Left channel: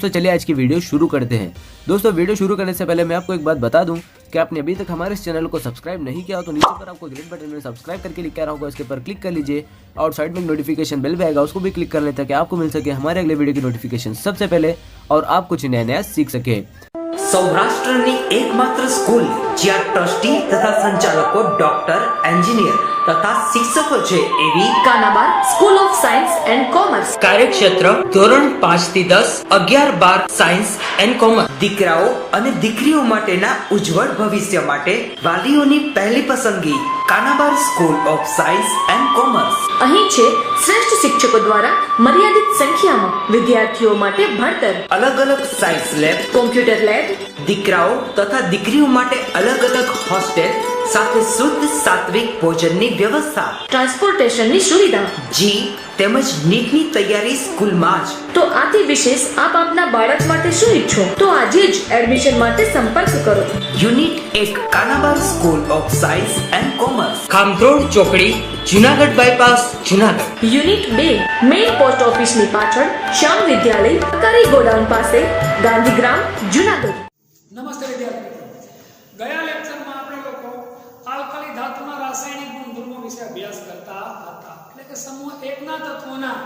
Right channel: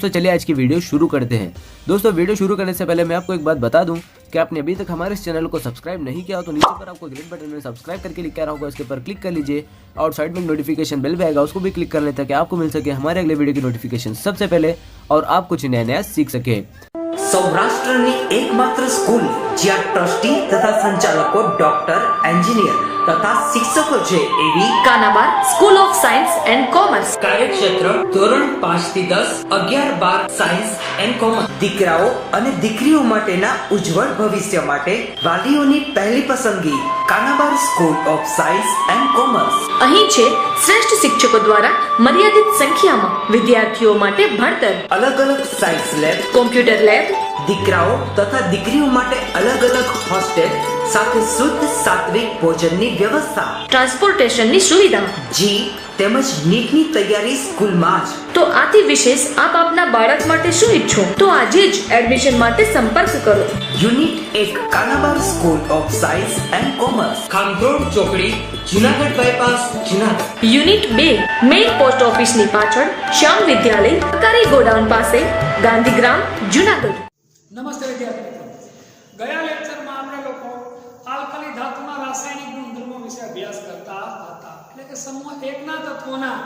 दोस्तों चलिए आज की वीडियो शुरू करते हैं। दोस्तों वीडियो शुरू करने से पहले मैं आपको एक बात बता दूं कि आपने अभी तक हमारे इस चैनल को सब्सक्राइब नहीं किया हो तो नीचे पर आपको ग्रेट बटन में सब्सक्राइब करके लिखा रहा होगा, इसके पर क्लिक कर लीजिए और साइड में नोटिफिकेशन बेल भी आएगा, उसको भी क्लिक कर लें ताकि आपको मिल सके हमारे अगले वीडियो की नोटिफिकेशन सबसे पहले और आप कुछ नया नया सीख सके। સૌરાષ્ટ્રની એકમાત્ર સ્કૂલ જ્યાં ટ્રસ્ટી તથા સંચાલકો ડોક્ટર, એન્જિનિયર તથા શિક્ષકો છે એવી Kanabar school of science and commerce કાર્યક્ષેત્ર ધોરણ 5 થી 10, 11, 12 સાયન્સ એન્ડ કોમર્સ। દીકરાઓ અને દીકરીઓ માટેના ઉજ્જવળ ભવિષ્ય માટે વાલીઓની પહેલી પસંદગી Kanabar school of science and commerce. અહીં છે શ્રેષ્ઠ શિક્ષકો દ્વારા મર્યાદિત સંખ્યામાં વિદ્યાર્થીઓ માટે ભણતર, અલગ અલગ સાયન્સ લેબ, કોમ્પ્યુટર લેબ, દીકરાઓ તથા દીકરીઓ માટે અલગ અલગ હોસ્ટેલ સાથે શુદ્ધ સાત્વિક ભોજનની વ્યવસ્થા, ટ્રાન્સપોર્ટેશનની સુવિધા, જી તેમજ નીટની તૈયારી સ્કૂલમાં જ। તો આથી વિશેષ આપ આપના બાળક માટે શું ઈચ્છો તો આજે જ એડમિશન માટે સંપર્ક કરો। Unit 1 Kanabar school of science and commerce, ખામરોડ ચોકડી, Junagadh bypass, Junagadh. Unit 2 main post ઓફિસની પાછળ શ્યામ વિદ્યાલય, સરકારી ગોડાઉન પાસે, ગાંધીગ્રામ, જુનાગઢ। નમસ્તે વિદ્યાર્થી મિત્રો, ગયા લેક્ચરમાં આપણે લોકો આલ્કલી ધાતુના રાસાયણિક ગુણધર્મો વિશે અભ્યાસ કરતા હતા, એટલે કે સમૂહ 1 ના તત્વોના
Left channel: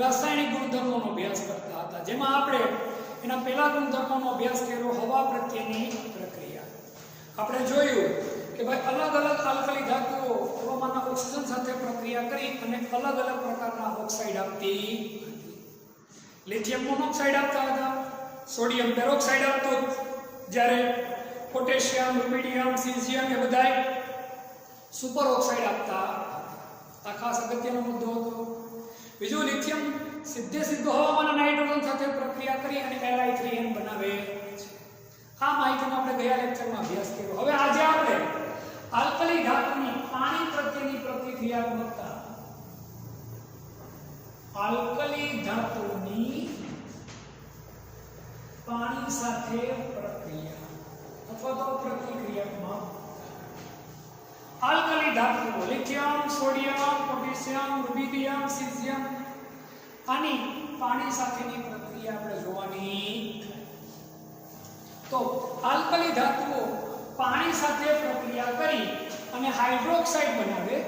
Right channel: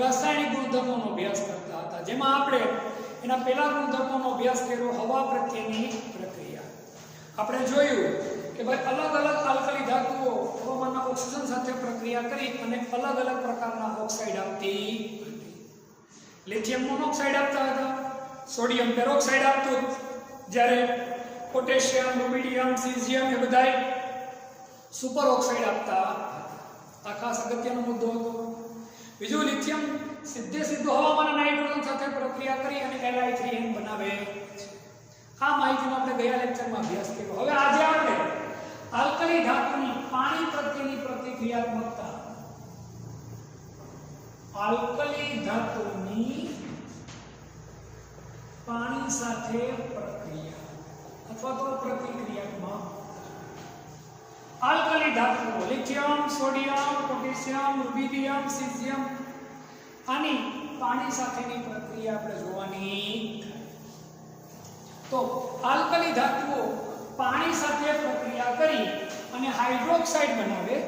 રાસાયણિક ગુણધર્મોનો અભ્યાસ કરતા હતા, જેમાં આપણે એના પહેલા ગુણધર્મોનો અભ્યાસ કર્યો હવા પ્રત્યેની પ્રક્રિયા। આપણે જોયું કે ભાઈ અલગ અલગ આલ્કલી ધાતુઓ હવામાનના ઓક્સિજન સાથે પ્રક્રિયા કરી અને અલગ અલગ પ્રકારના ઓક્સાઇડ આપતી હતી। લિથિયમ મોનોક્સાઇડ આપતા હતા, સોડિયમ પેરોક્સાઇડ આપતું, જ્યારે પોટેશિયમ, રૂબિડિયમ, સીઝિયમ એ બધાય સુપર ઓક્સાઇડ આપતા હતા। આ ખાસ અગત્યનો મુદ્દો હતો। બીજું, લિથિયમ સીધો હવામાન અને નાઇટ્રોજન સાથે પ્રક્રિયા કરી અને Li3n બનાવે છે। આ માહિતીનો આપણે ગયા લેક્ચરમાં અભ્યાસ કર્યો। હવે આજે આપણે આલ્કલી ધાતુની પાણી પ્રત્યેની પ્રતિક્રિયાત્મકતા, આલ્કલી ધાતુની પાણી સાથે પ્રક્રિયા અથવા તો પ્રતિક્રિયાત્મક આલ્કલી ધાતુઓ lithium, sodium, potassium, rubidium, caesium આની પાણી સાથેની પ્રક્રિયા આપણે જોવાની। તો આલ્કલી ધાતુઓ પાણી સાથે પ્રક્રિયા કરી અને હાઇડ્રોક્સાઇડ બનાવે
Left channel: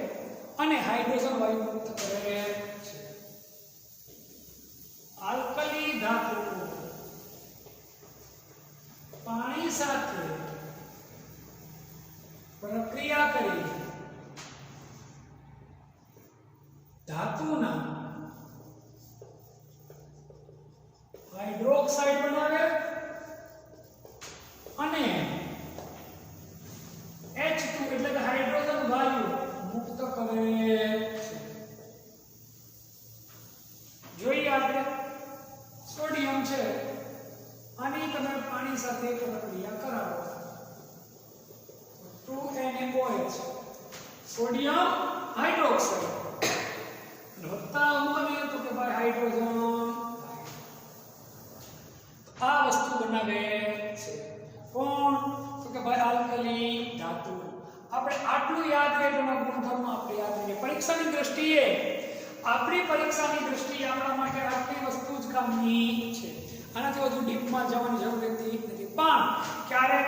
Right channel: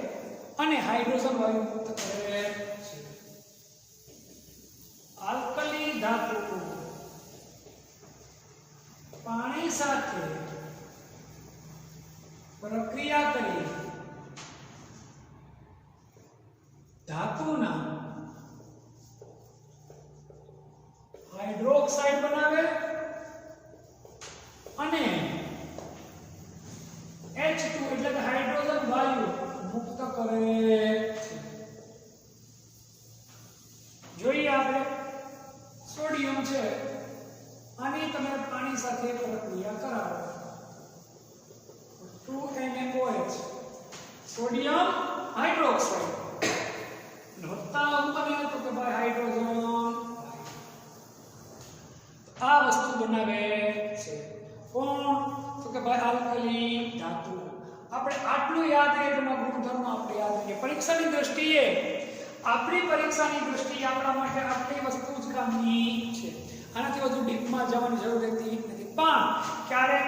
અને હાઇડ્રોજન વાયુ મુક્ત કરે છે। આલ્કલી ધાતુઓ પાણી સાથે પ્રક્રિયા કરી ધાતુના હાઇડ્રોક્સાઇડ બનાવે અને H2 એટલે કે હાઇડ્રોજન વાયુ મુક્ત કરે છે। જોઈએ આપણે સોડિયમ છે, આની તમે પાણી સાથે પ્રક્રિયા કરાવો 2NaOH, સોડિયમ હાઇડ્રોક્સાઇડ અને વત્તા હું બને તો કે ભાઈ હાઇડ્રોજન, આ વસ્તુ બનાવે છે કોણ તો કે ભાઈ આલ્કલી ધાતુ। આપણે આટલું યાદ રહેલું ગુણધર્મ આપણે યાદ રાખીએ। પરીક્ષાની દ્રષ્ટિએ આપણા માટે આટલી વસ્તુ જ કામની છે, આનાથી વધુ ડીપમાં જવાની જરૂર રહેતી નથી। પણ ક્યારેક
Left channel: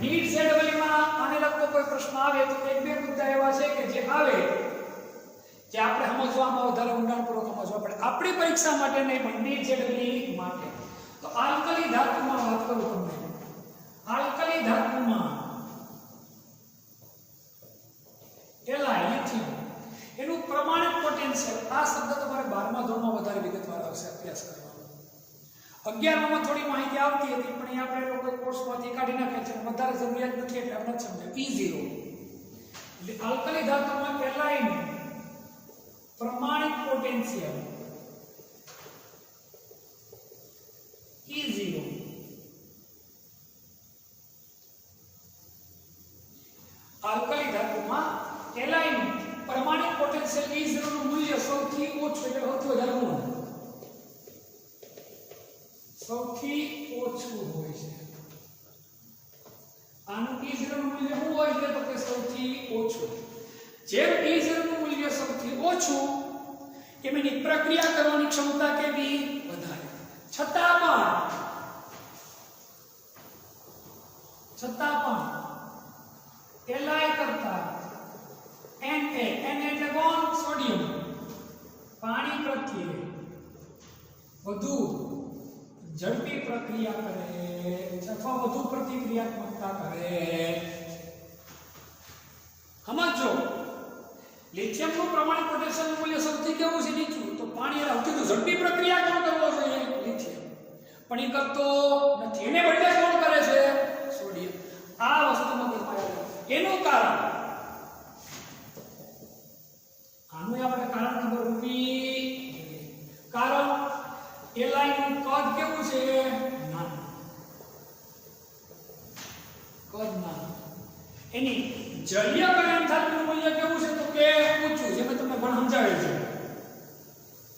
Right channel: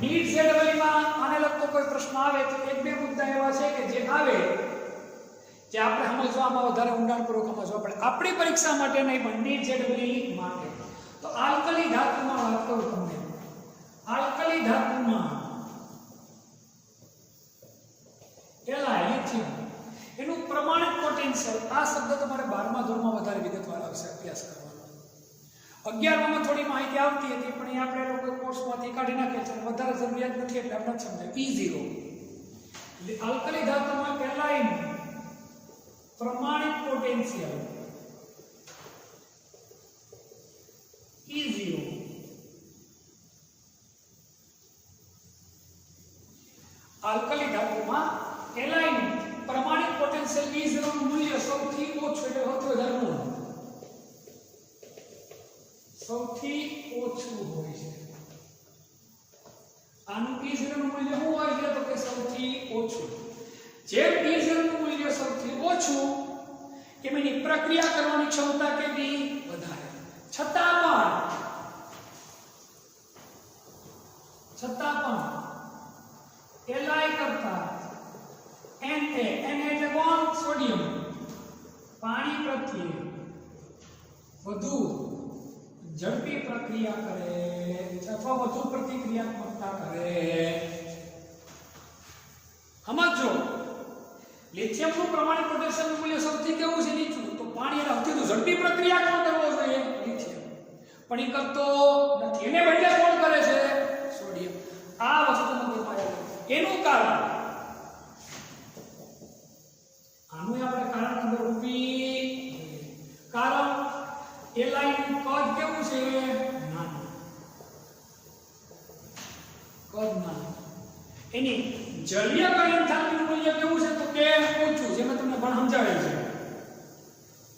નીટ ZEE-માં આને લગતો કોઈ પ્રશ્ન આવે તો એક બે મુદ્દા એવા છે કે જે આવે જે આપણે સમજવામાં વધારે ઊંડાણપૂર્વક સમજવા પડે, આપણી પરીક્ષા માટે નહીં પણ નીટ ZEE માટે। તો આલ્કલી ધાતુમાં વાત કરું તમને, આલ્કલી ધાતુમાં લિથિયમ એનું પ્રમાણિત પોટેન્શિયલ, આ શબ્દ તમારે 12મા ધોરણમાં વધારે વિગતવાર આવશે અભ્યાસ કરવાનો। 11માં થોડી માહિતી આવતી હતી પણ એ આપણે લોકો કોર્સમાંથી કાઢી નાખે છે, વધારે જરૂરિયાત નથી એટલે આપણે સમજાય। E0 એટલે આલ્કલી ધાતુમાં Li નું પ્રમાણિત પોટેન્શિયલ E0 આલ્કલી ધાતુમાં Li નું પ્રમાણિત પોટેન્શિયલ E0 નું મૂલ્ય સૌથી ઓછું એટલે સૌથી વધારે ઋણ સૌથી ઓછું હોય છે। આનું E0 નું મૂલ્ય શું હોય છે તો કે સૌથી ઓછું। જેમ E0 નું મૂલ્ય સૌથી ઓછું એમ એની પ્રક્રિયા કરવાની ક્ષમતા કેવી વધારે। છતાં પણ Li કરતા Na એટલે કોણ સોડિયમ પાણી પ્રત્યે વધુ ઝડપી પ્રક્રિયા કરે અથવા વધુ પ્રતિક્રિયાત્મકતા કરે સમજો લિથિયમનું પ્રમાણિત પોટેશિયમનું મૂલ્ય સૌથી કેવું છે નીચું તો પાણી એને સૌથી ઝડપી પ્રક્રિયા કોણ કરવો જોઈએ લિથિયમ પણ એ કરતો નથી એને બદલે કોણ કરે છે સોડિયમ આ વસ્તુ મગજમાં આવે એનું કારણ આનું આપણે કારણ ખબર હોવી કારણ એલાઈનું કદ કેવું છે નાનું કદ નાનું એની જલીય એન્થાલ્પીનું મૂલ્ય કેવું છે તો કે ઊંચું જે મેં તમને પણ સમજાવ્યું છે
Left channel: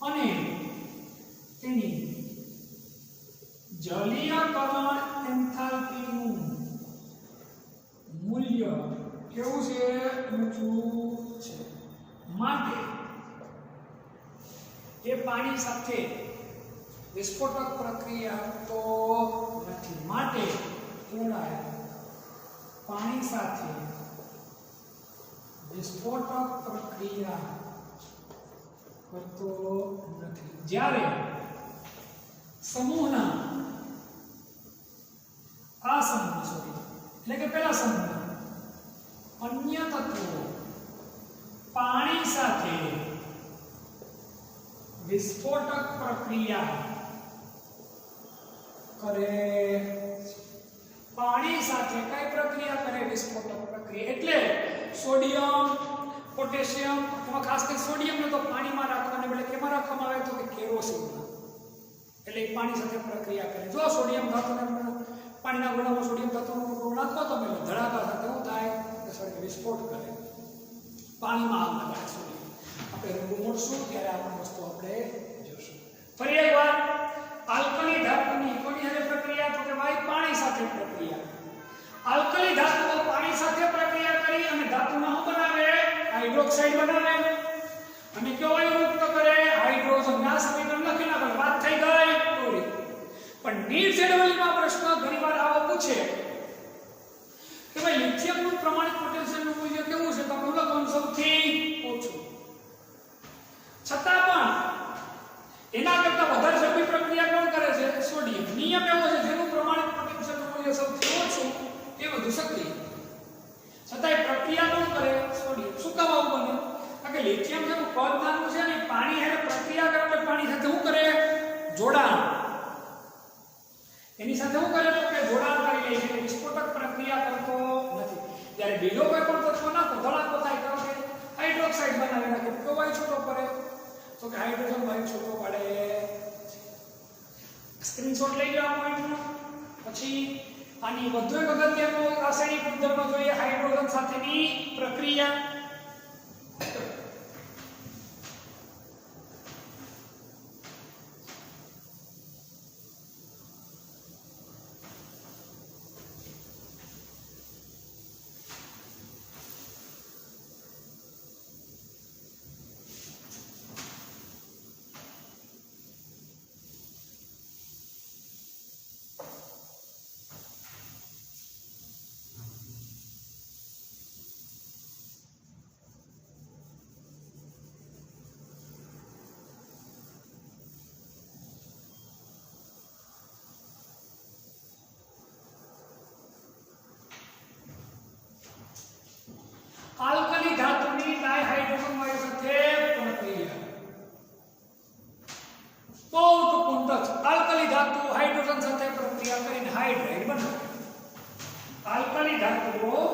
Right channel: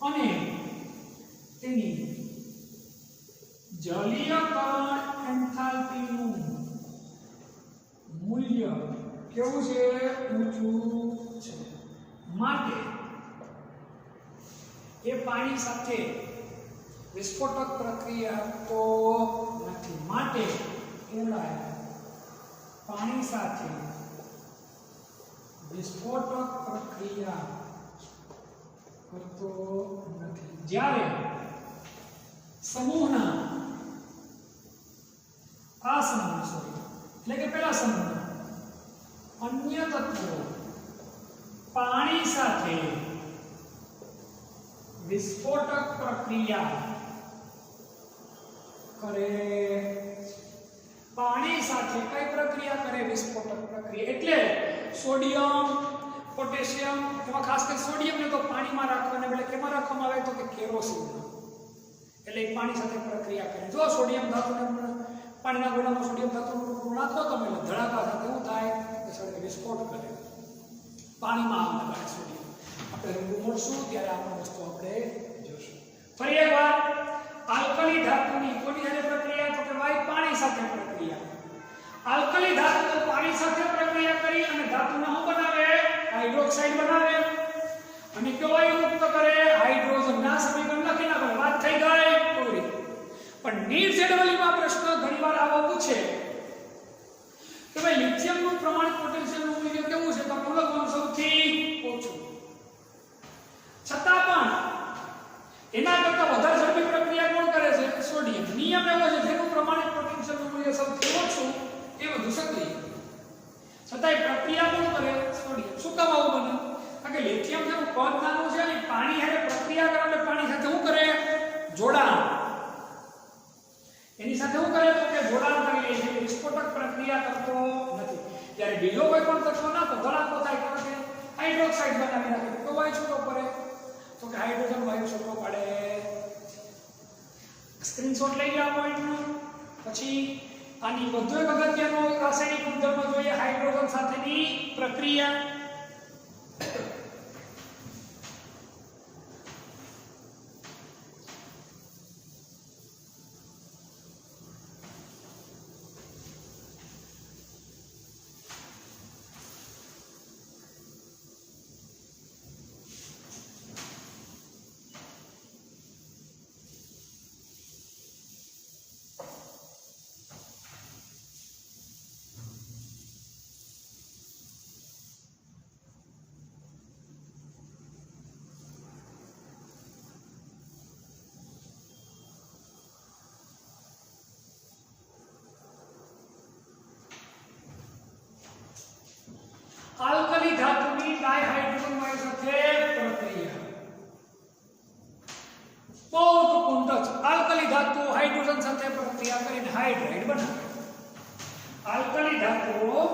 અને તેની જલીયકરણ એન્થાલ્પીનું મૂલ્ય કેવું છે ઊંચું છે માટે એ પાણી સાથે વિસ્ફોટક પ્રક્રિયા તો નથી માટે એલાય પાણી સાથે વિસ્ફોટક પ્રક્રિયા કરતો નથી જ્યારે સમૂહના આ સમૂહ એટલે કે પેલા સમૂહના અન્ય તત્વો પાણી સાથે વિસ્ફોટક પ્રક્રિયા કરે પાણી સાથે કઈ પ્રક્રિયા કરે વિસ્ફોટક પ્રક્રિયા એટલે સોડિયમ પોટેશિયમ એમાં ખાસ કરીને સોડિયમને તો પાણીમાં રાખવાને બદલે કેમાં રાખવામાં આવે તો કે કેરોસીનમાં એટલે પાણી સાથે પ્રક્રિયા કરે જો સોડિયમ ધાતુને પાણીના ગોળામાં સોડિયમ ધાતુનો ટુકડો નાખો તો એટલે ધડાકા સાથે શું થાય કે સળગે વિસ્ફોટ કરે પાણીમાં આગ લગાડે સોડિયમ આપણે રૂબરૂ મળશું ત્યારે આ વસ્તુ આપણે જોશું ફરી એકવાર આલ્કલી ધાતુની કોની સાથે પ્રક્રિયા તો કે ભાઈ પાણી સાથે પ્રક્રિયા આલ્કલી ધાતુ પાણી સાથે પ્રક્રિયા કરી અને ધાતુને શું બનાવે હાઇડ્રોક્સાઇડ બનાવે અને કયો વાયુ મુક્ત કરે હાઇડ્રોજન ના સમીકરણ લખી નાખો વાત થઈ ગઈ પૂરી પણ નીટ જેડવલીમાં પ્રશ્ન ઘણીવાર આવો પૂછે કે ભાઈ લિથિયમનું પ્રમાણિત પોટેશિયમનું મૂલ્ય કેવું છે તો લખવાનું સૌથી ઓછું છતાં પણ એના કરતા વધારે ઝડપી પ્રક્રિયા કોણ કરે છે સોડિયમ નિયમ એવો છે જેનું પ્રમાણિત પોટેશિયમનું મૂલ્ય સૌથી ઓછું એ વધુ સક્રિય છતાંય પ્રક્રિયા કોણ કરે સોડિયમ શું કામ આવું બને કારણ કે લિથિયમ જેવું કદ નાનું છે ને પાણી હારે પ્રક્રિયા કરે એટલે પાણી સાથે શું કરે જોડાણ એની સાથે શું કરે તો કે જોડાણ કરી લે છે વિસ્ફોટક પ્રક્રિયા કરતો નથી જ્યારે બીજો કોઈ પણ તત્વ ના તો ધડાકો થાય કારણ કે હાઇડ્રોક્સાઇડ બનાવી નાખે તો વાયુ છૂટો પડે તો કે હાઇડ્રોજન વાયુ છૂટો પડે સ્ક્રીનશોટ લઈ લો આ પોઈન્ટનો પછી આની વધુ એક અગત્યનો રાસાયણિક ગુણધર્મ જોઈએ હાઇડ્રોજન સાથેની પ્રક્રિયા આલ્કલી ધાતુની ડાયહાઇડ્રોજન વાયુ સાથે પ્રક્રિયા બહુ ટૂંકું છે આલ્કલી ધાતુ હાઇડ્રોજન સાથે પ્રક્રિયા કરીને હાઇડ્રાઇડ બનાવે આલ્કલી ધાતુઓ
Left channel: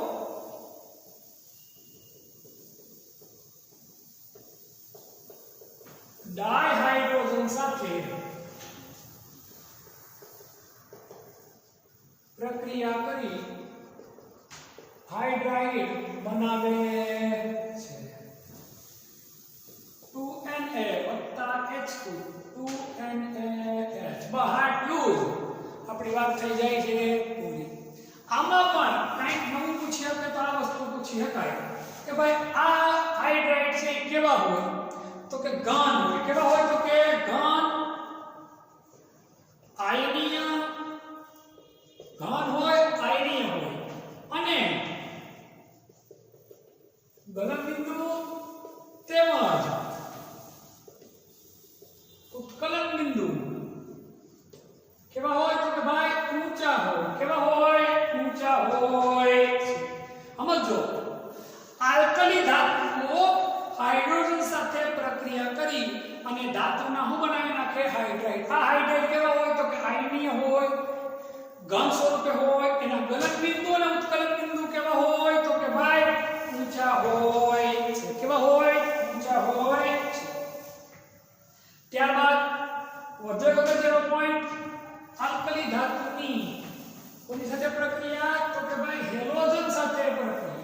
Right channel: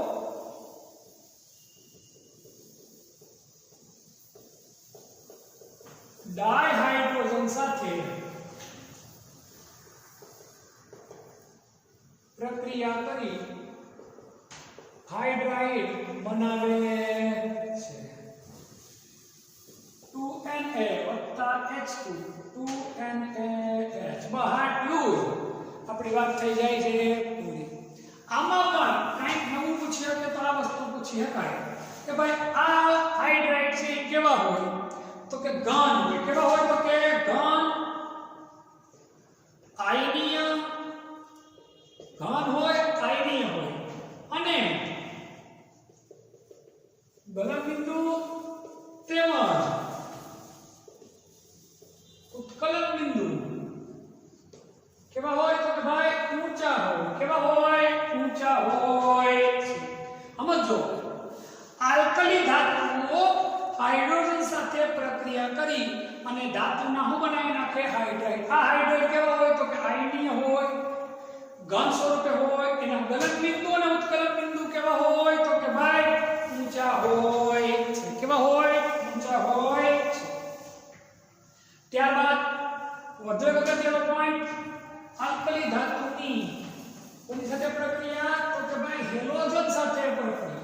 ડાયહાઇડ્રોજન સાથે પ્રક્રિયા કરી હાઇડ્રાઇડ બનાવે છે 2Na H2 2NaH બહાર લૂઝ આપણી વાત થઈ જાય છે પૂરી આમાં પણ કંઈક નવું પૂછી શકે તો આ વસ્તુ પૂછી શકાય કે ભાઈ આ હાઇડ્રાઇડ છે કેવા હોય તો કે ઘન હોય કેવા હોય તો કે ઘન આયનીય ઘન હોય, આયનીય હોય, અને ગલનબિંદુ તેમજ ઉત્કલન બિંદુ કેવા હોય તો કે ભાઈ ઊંચા હોય. કેવા હોય? ઊંચા હોય. સમજો, આલ્કલી ધાતુઓ હાઇડ્રોજન સાથે પ્રક્રિયા કરી અને ધાતુના શું બનાવી નાખે? હાઇડ્રાઇડ. આ હાઇડ્રાઇડ કેવા હોય તો કે આયનીય હોય, ઘન સ્વરૂપે હોય. એના ગલન બિંદુ અને ઉત્કલન બિંદુ કેવા હોય તો કે ભાઈ ઊંચા હોય છે. કેવા હોય? ઊંચા હોય છે. ત્યારબાદ વધુ એક અગત્યનો પોઈન્ટ, આલ્કલી ધાતુની કોની સાથે પ્રક્રિયા તો કે ભાઈ હેલોજન સાથે પ્રક્રિયા.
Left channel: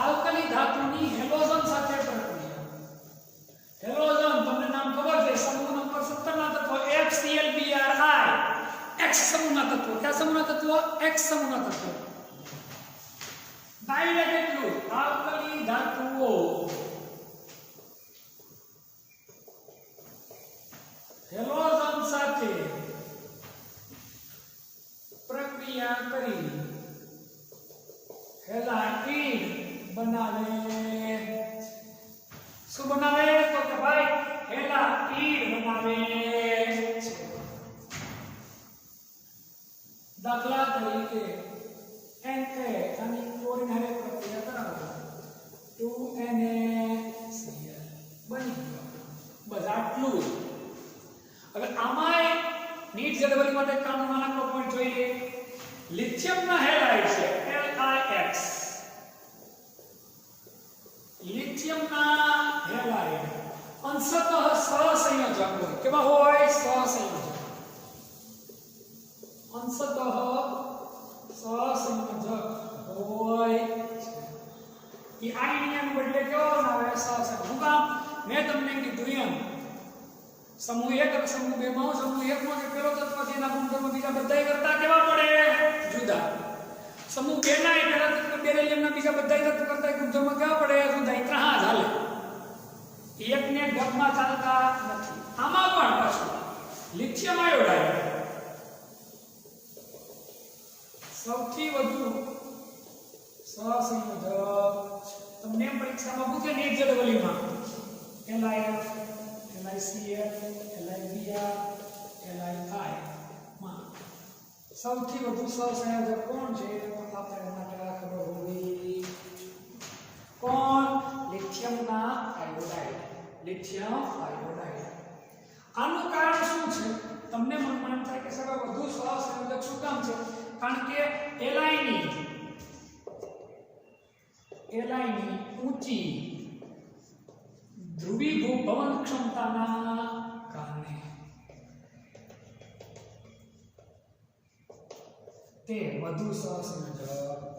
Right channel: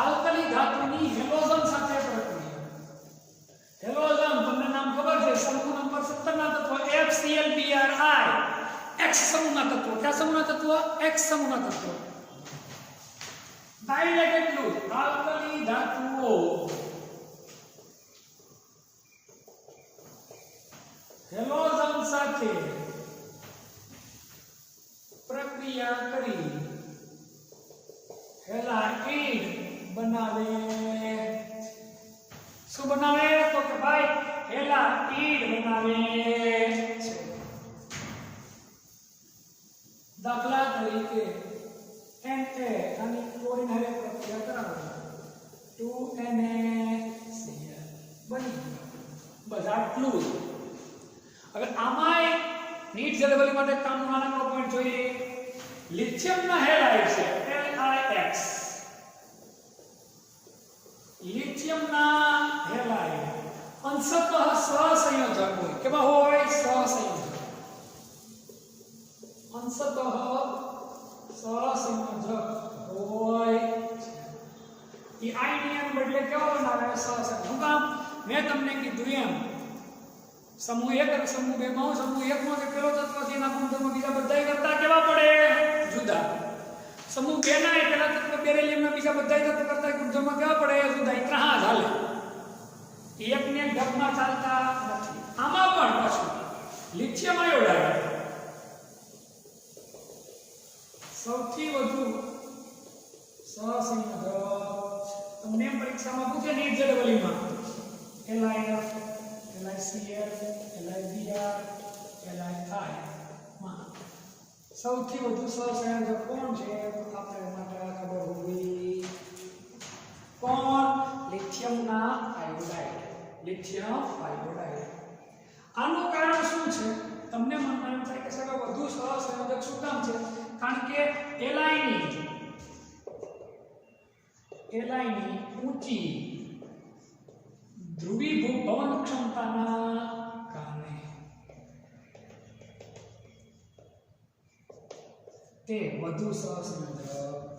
આલ્કલી ધાતુની હેલોજન સાથે પ્રક્રિયા. હેલોજન તમને નામ ખબર છે, સમૂહ નંબર 17 ના તત્વો HClBri, X સમૂહના તત્વો. કયા સમૂહના તત્વો? X સમૂહના તત્વો. ડાયરેક્ટ એટલું, આલ્કલી ધાતુઓ હેલોજન સાથે પ્રક્રિયા કરી હેલાઇડ બનાવે. શું બનાવે તો કે ભાઈ હેલાઇડ બનાવે છે. દાખલા તરીકે Na આની ક્લોરીન હારે પ્રક્રિયા કરાવે 2NaCl બની ગયો. બસ આટલું જ. હવે આમાંય નીટ જેડબલ માટે કામનો નાનકડો પોઈન્ટ જોઈએ. લિથિયમના હેલાઇડ છે LiX. લિથિયમના હેલાઇડ અંશતઃ સહસંયોજક હોય. કેવા હોય? સહસંયોજક. અંશતઃ સહસંયોજક હોય. એ આયનિયન બદલે કેવો બનાવે? સહસંયોજક. હું કામ મેં તમને કીધું એમ, સમૂહ 1 અને સમૂહ 2 માં સમૂહ 1 માં જે પેલો તત્વ છે એના ગુણધર્મો બીજા બધા કરતા કેવા પડે? જુદા. સમૂહ 2 ના પેલા તત્વ બેરિલિયમના બીજા બધા તત્વ કરતા ગુણધર્મો કેવા પડે? જુદા. ઇતરા હા ચાલે. એકને ગપમાં ચાલતા નથી. આમાં પણ પાછું લિથિયમ આયોડાઇડ સૌથી વધુ સહસંયોજક. તમને પરીક્ષામાં પૂછે NEET જેડબલીમાં LiF, LiCl, LiBr, Li માં સૌથી વધુ સહસંયોજક કોણ છે? તો આપણે માટે ખબર હોવી. કોણ? લિથિયમના આયોડાઇડ. Lithium iodide. આનું કારણ શું છે? તમને મનમાં એમ થાય કે સર વધુ સહસંયોજક શું કામ છે? કારણ કે એલાયની ઊંચી ધ્રુવીભવન ક્ષમતાના કારણે તે વધુ સહસંયોજક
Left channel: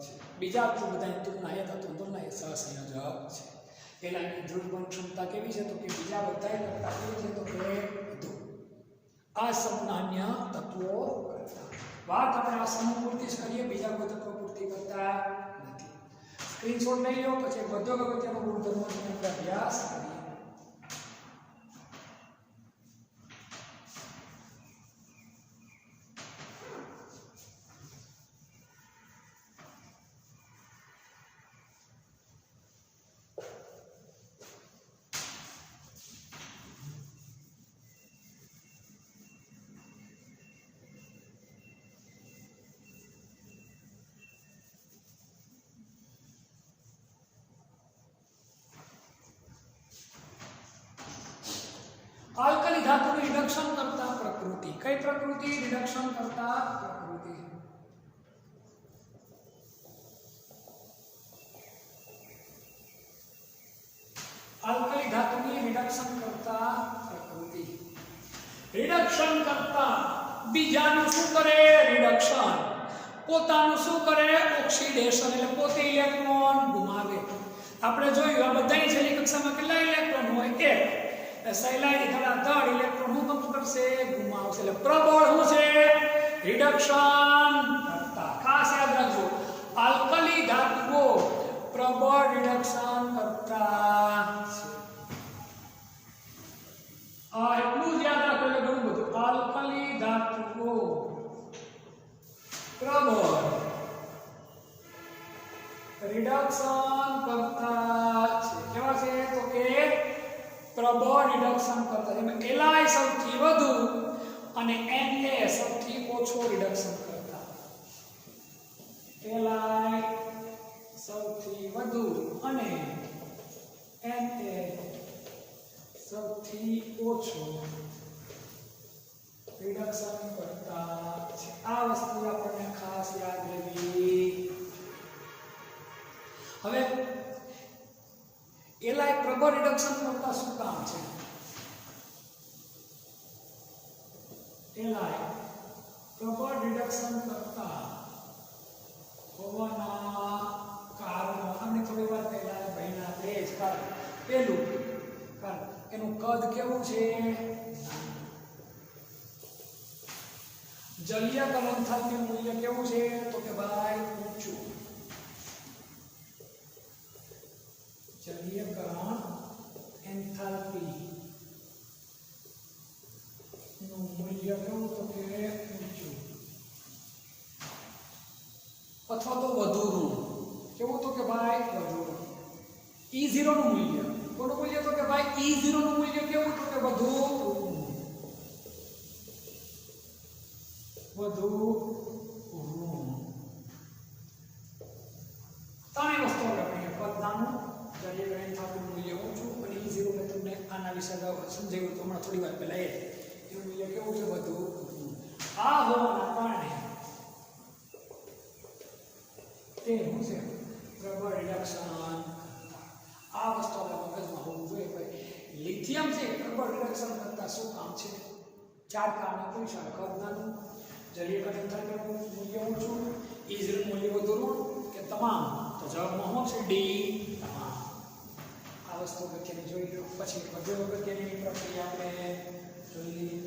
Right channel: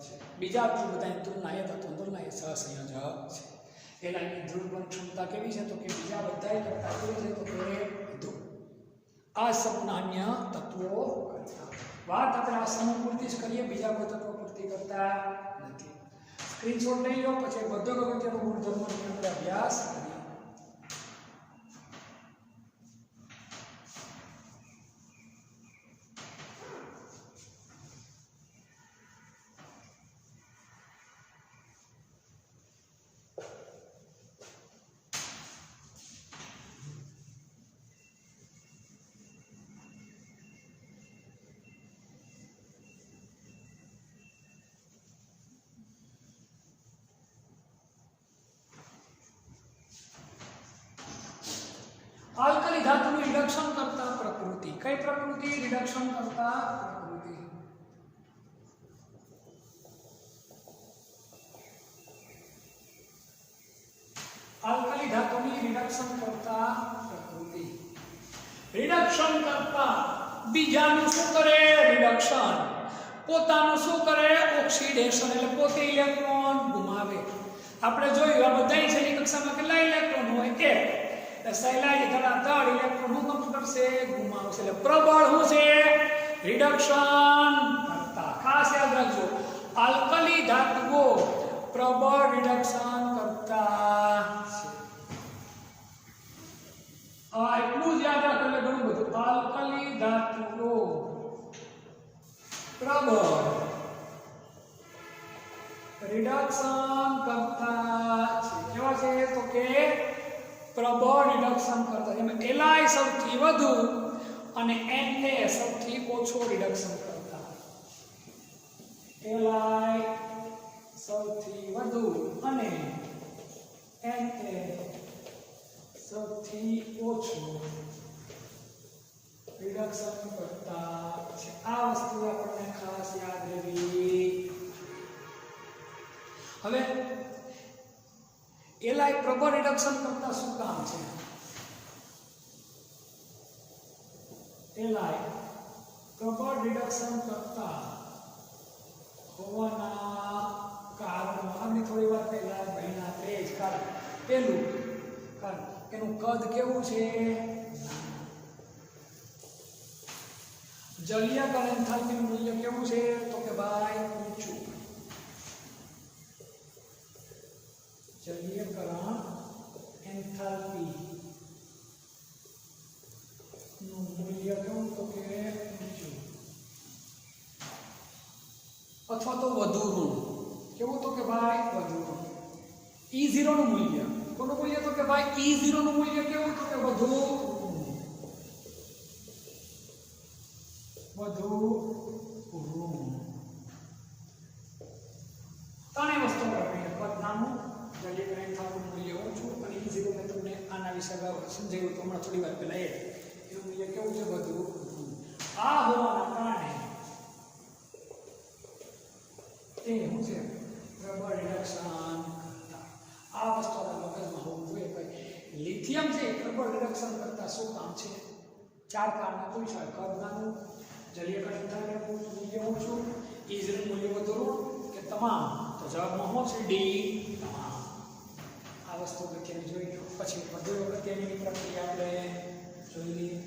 છે. બીજા બધાની તુલનાએ સહસંયોજક છે. એલાયની ધ્રુવીભવન ક્ષમતા કેવી છે? તો કે બીજા બધા કરતા કેવી છે? તો કે વધુ અસમાન્ય તત્વો કરતા. વાત આપણે આ સમૂહ પૂરતી જ કરીએ, બીજા કોઈ તત્વો પૂરતી કરતા નથી. સ્ક્રીનશોટ લઈ લો, પછી બધો અગત્યનો ગુણધર્મો અભ્યાસ કરીએ. આલ્કલી ધાતુનું રિડક્શન કરતા પ્રકૃતિ. કઈ પ્રકૃતિ? રિડક્શન કરતા પ્રકૃતિ. આલ્કલી ધાતુની રિડક્શન કરતા પ્રકૃતિ. રિડક્શન કરતા બીજાનું શું કરે? રિડક્શન. પોતાનું શું કરે? ઓક્સિડેશન. એટલે પોતે ઇલેક્ટ્રોન ગુમાવે. આપણે જોયું આ બધાની છેલ્લી કક્ષામાં કેટલા ઇલેક્ટ્રોન હોય? 1. એટલે સહેલાઈ ધડાધડ ઇલેક્ટ્રોન શું કામ કરશે? ગુમાવશે. એટલે પ્રબળ શું છે? રિડક્શન કરતા. ખાસ યાદ રાખજો, આલ્કલી ધાતુઓ પ્રબળ રિડક્શન કરતા છે. એટલું જ યાદ રાખો એટલે ઘણું બધું. આલ્કલી ધાતુઓ પ્રબળ રિડક્શન કરતા છે. કેવા છે? તો કે પ્રબળ રિડક્શન કરતા. એમાં એલાય સૌથી વધુ અને Na સૌથી ઓછો રિડક્શન કરતા. એલાય સૌથી વધુ અને Na સૌથી ઓછો રિડક્શન કરતા છે. આ વસ્તુ આપણને ખાસ યાદ રહેવી. હવે એલાય પ્રબળ રિડક્શન કરતા શું કામ છે? એલાય પ્રબળ રિડક્શન કરતા હોવાના કારણો આપણે થોડી વાર પહેલા ભણ્યા તે જ કારણ. પહેલું કારણ એનું કદ કેવું છે? જલીયકરણ એન્થાલ્પી મૂલ્ય કેવું છે? તો કે ભાઈ ઊંચું. જલીયકરણ એન્થાલ્પી નું મૂલ્ય કેવું? તો કે ઊંચું અથવા તો વધુ ઋણ. કેવું? તો કે ભાઈ વધુ ઋણ. E0 નું મૂલ્ય કોનું મૂલ્ય? તો કે ભાઈ E0 નું મૂલ્ય કેવું? તો કે વધુ ઋણ. વધુ ઋણ. ત્રણેય વસ્તુ આપણે કદ નાનું, જલીયકરણ એન્થાલ્પી મૂલ્ય ઓછું અને E0 મેં તમને આના વિશે સમજાવ્યું તો હમણાં થોડી વાર પહેલા એનું મૂલ્ય કેવું છે? વધુ ઋણ. આ હોવાના કારણે તે શું છે? પ્રબળ રિડક્શન કરતા. આ વસ્તુ આપણા મગજમાં હોવું જોઈએ. ભાઈ લિથિયમ છે પ્રબળ રિડક્શન કરતા શું કામ છે? 4 કારણે પૂછાય. કદ નાનું, જલીયકરણ એન્થાલ્પી મૂલ્ય ઓછું, E0 મૂલ્ય વધુ ઋણ કે તમામ? તો જવાબમાં શું છે? ડી, તમામ. આ વસ્તુ અગત્યની જોઈ લો. પછી વધુ અગત્યની પ્રક્રિયા આપણે જોઈ લઈએ.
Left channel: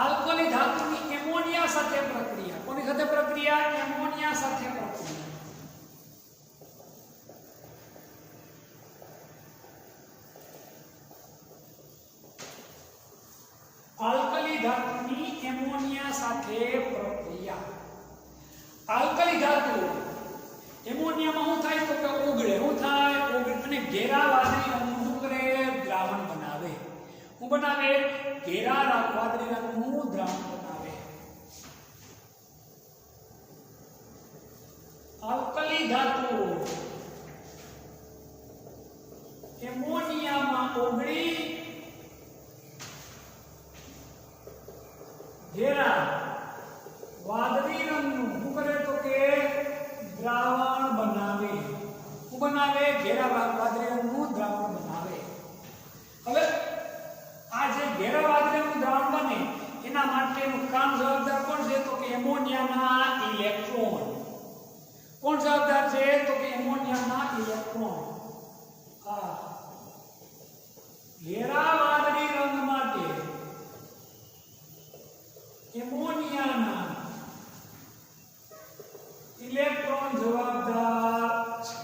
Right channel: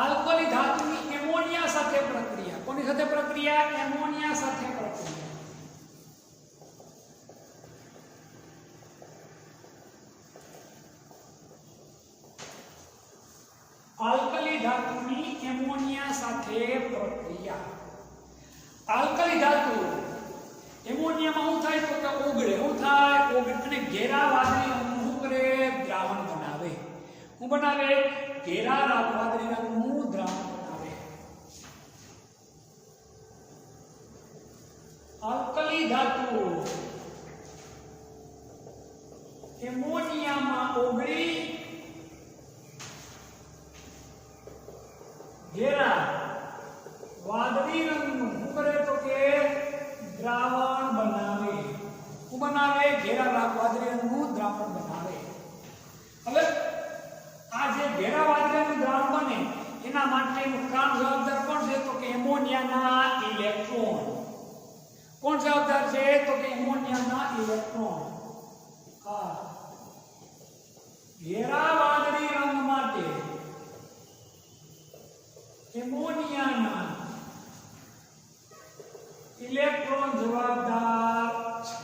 આલ્કલી ધાતુની એમોનિયા સાથે પ્રક્રિયા. કોની સાથે પ્રક્રિયા? એમોનિયા સાથે પ્રક્રિયા. આલ્કલી ધાતુની એમોનિયા સાથે પ્રક્રિયા. આલ્કલી ધાતુ એમોનિયામાં શું થાય? તો કે ઓગળે. શું થાય? ઓગળે અને ઘેરા વાદળી રંગનું શું કરે? દ્રાવણ બનાવે. શું બનાવે? ઘેરા વાદળી રંગનું દ્રાવણ બનાવે. આલ્કલી ધાતુ એમોનિયામાં ઓગળી ઘેરા વાદળી રંગનું શું કરે? તો કે દ્રાવણ બનાવે. શું બનાવે? ઘેરા વાદળી રંગનું દ્રાવણ બનાવે. હવે આ જે ઘેરા વાદળી રંગનું દ્રાવણ બને એના માટેનું કામ જવાબદાર કોણ છે? તો કે એમોનિયાના ઇલેક્ટ્રોન. કોણ જવાબદાર છે? તો કે એમોનિયાના ઇલેક્ટ્રોન. આ ઘેરા વાદળી રંગ માટે એમોનિયાના ઇલેક્ટ્રોન જવાબદાર છે.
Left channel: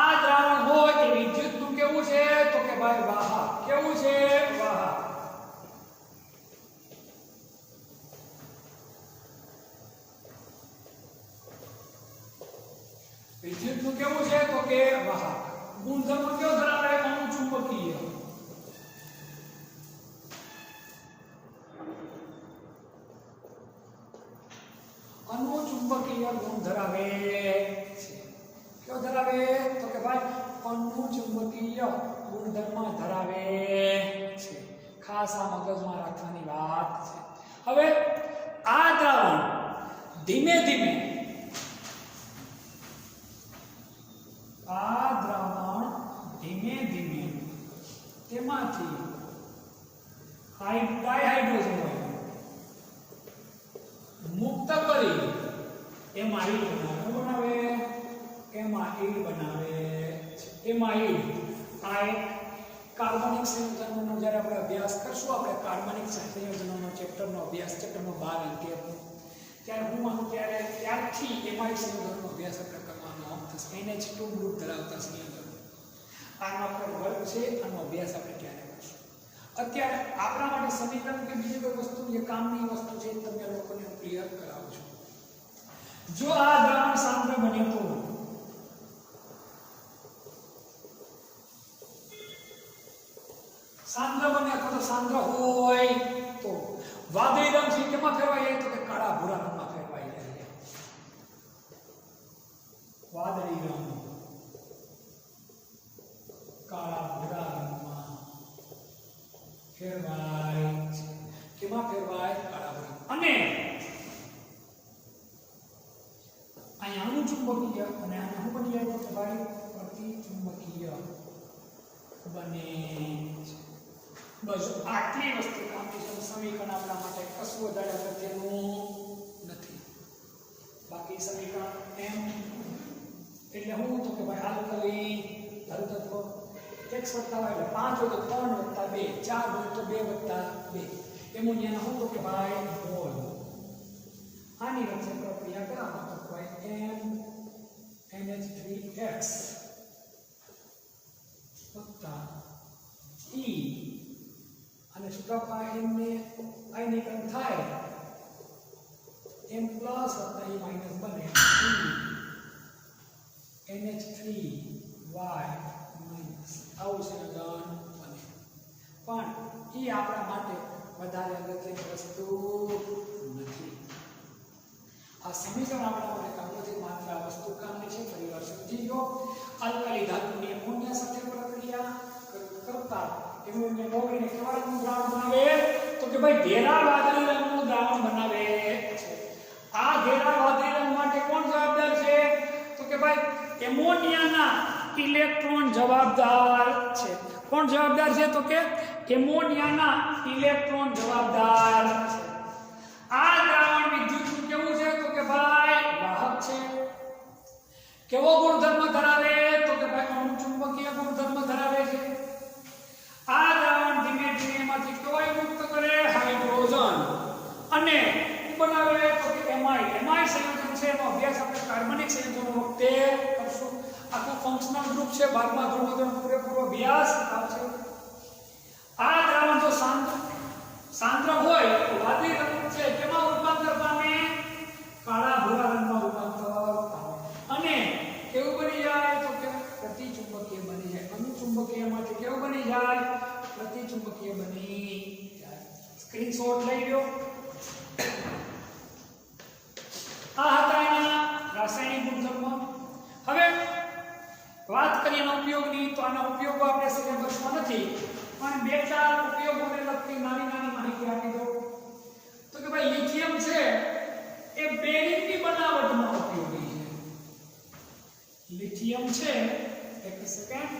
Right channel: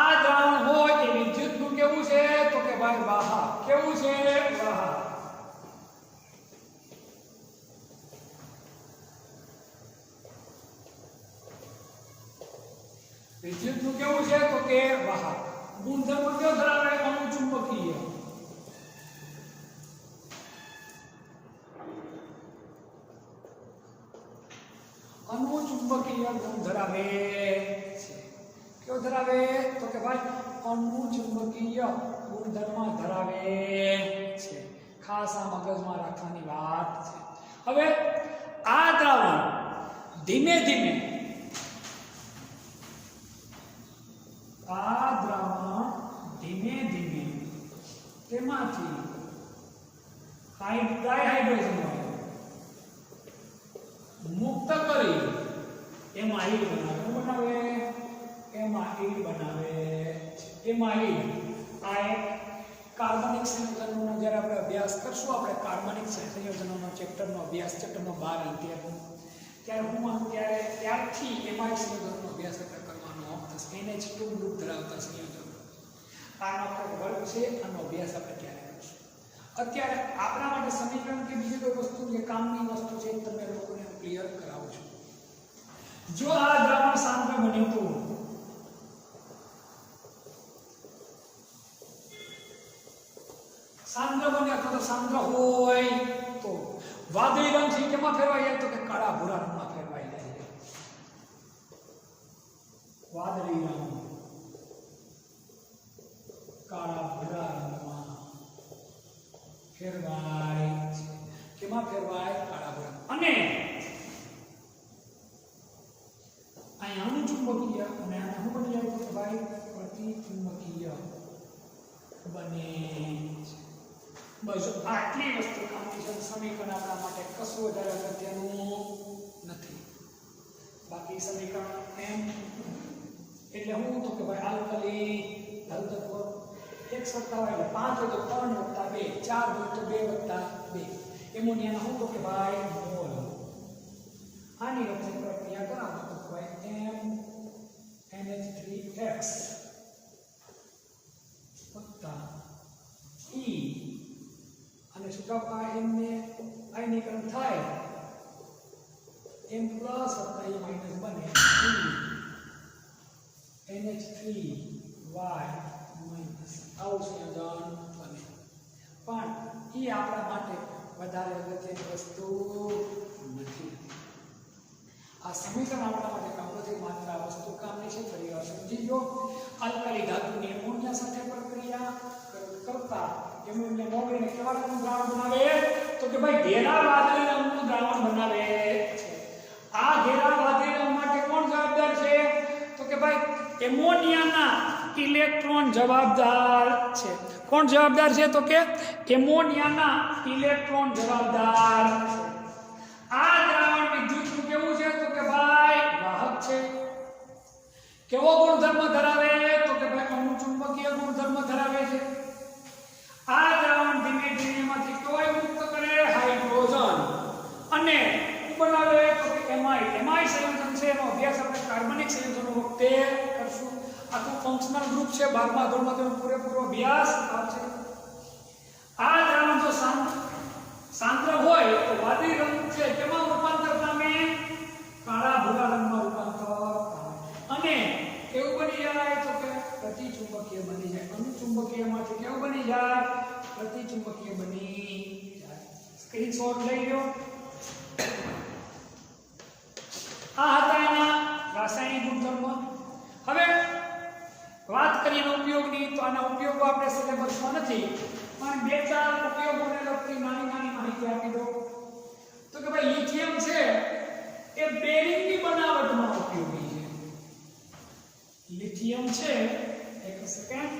આ દ્રાવણ હોય એ વિદ્યુતનું કેવું છે? તો કે ભાઈ વાહક. કેવું છે? વાહક. વિદ્યુતનું કેવું છે? તો કે વાહક. ગુણધર્મ કયો ધરાવે? અણુચુંબકીય. અણુચુંબકીય ગુણ ધરાવે છે. કયો ધરાવે? તો કે ભાઈ અનુચુંબકીય ગુણધર્મ ધરાવે છે. ખાસ આ મગજમાં રાખવાની વાત છે. હવે આ દ્રાવણ ધીમે ધીમે તેમાંથી ડાયહાઇડ્રોજન મુક્ત કરી એમાઇડ બનાવે. એમાઇડ બનાવે. એમાઇડ આ એક કાર્બનિક સંયોજનોનો જ્યારે આપણે અભ્યાસ કરશું, આપણે કાર્બનિક સંયોજનોનો ચેપ્ટરનો અભ્યાસ ચેપ્ટર નંબર 12 ત્યારે ત્યારથી એમાઇડ સંયોજનોનો અભ્યાસ આપણે કરવાનો થશે. NH2 ગ્રુપ ધરાવતા સંયોજનો આનો આપણે વર્ગ છે, આનો અભ્યાસ આપણે ક્યારે કરીશું. અત્યારે આપણા માટે સમીકરણ કે બીજી કોઈ વસ્તુ જે કામની વસ્તુ છે તમને લોકોને હું ક્લિયર કરાવું છું. જો આ દ્રાવણ સાંદ્ર બને તો સાંદ્ર બને અથવા તો સાંદ્ર હોય તો વાદળી રંગથી કેમાં ફેરવાઈ જાય તો કે કાળા ભૂરા રંગમાં ફેરવાઈ જાય. વાદળી રંગ કાળા ભૂરા રંગમાં ફેરવાય છે. કેમાં ફેરવાય? કાળા ભૂરા. અને અહીંયા અનુચુંબકીય અને આને શું બની જાય તો કે ભાઈ પ્રતિચુંબકીય બને છે. બસ આટલી વસ્તુ કામની છે. સમીકરણ આપણા માટે કશું વધારે અગત્યનું નથી. બાકી સમીકરણ એમ એટલે હું તો કે ભાઈ આલ્કલી ધરુ તત્વ એક સત્તા હોય એટલે 5 હોય તો 3 + 2, 4 હોય તો 2 + 2. એમોનિયાના હું તો કે ભાઈ મોલ. આની વચ્ચે પ્રક્રિયા કરાવો તો ભાઈ NH3X + E અને છૂટા એમને આયનીકરણ થાય M+ + E- બને NH3Y- આવું સંયોજન બને. પણ એ આપણા માટે વધારે અગત્યની વસ્તુ નથી. આ સમીકરણ આપણા માટે કામનું છે, માત્ર આ વસ્તુ કામની છે. ફરી વાર સમજી લો. આલ્કલી ધાતુની એમોનિયા સાથે પ્રક્રિયા કરતા એમોનિયા ઓગળીને કેવા રંગનું દ્રાવણ બનાવે તો કે ભાઈ ઘેરા વાદળી રંગનું દ્રાવણ બનાવે છે. આ ઘેરા વાદળી રંગ માટે કોણ જવાબદાર છે તો કે ભાઈ એમોનિયાના ઇલેક્ટ્રોન જવાબદાર છે. કોણ જવાબદાર છે તો કે એમોનિયાના ઇલેક્ટ્રોન જવાબદાર છે. આ દ્રાવણ વિદ્યુત કેવું છે તો કે ભાઈ વાહક છે. કેવો ગુણધર્મ ધરાવે તો કે ભાઈ અણુચુંબકીય ગુણધર્મ ધરાવે છે. આ દ્રાવણ ધીમે ધીમે માંથી કયો મુક્ત કરે? હાઇડ્રોજન. અને બનાવે તો કે એમાઇડ. એમાઇડ સંયોજન છે એનો અભ્યાસ આપણે કાર્બનિક સંયોજનો વખતે કરશું. આખું ફંક્શનલ ગ્રુપ છે. 12મા ધોરણનો પૂરેપૂરો અભ્યાસ છે. આ દ્રાવણ જો સાંદ્ર હોય તો વાદળી રંગ છે તેમાં રૂપાંતર પામે કાળા ભૂરા રંગમાં રૂપાંતર પામે. અને કેવું બની જાય તો કે પ્રતિચુંબકીય બની જાય. અનુચુંબકીયમાંથી કેવું બની જાય? પ્રતિચુંબકીય બની જાય. સ્ક્રીનશોટ લઈ લો. આ હતા એના રાસાયણિક ગુણધર્મ. હવે વાત કરીએ એના ઉપયોગની તો આના ઉપયોગો આપણે સિલેબસમાં નથી, પણ 2-4 ઉપયોગોને લગતી નાની માહિતી આપી દો. તો કે ભાઈ લિથિયમ છે એ બેરિંગની બનાવટમાં ઉપયોગી છે. લિથિયમ છે એક સેકન્ડ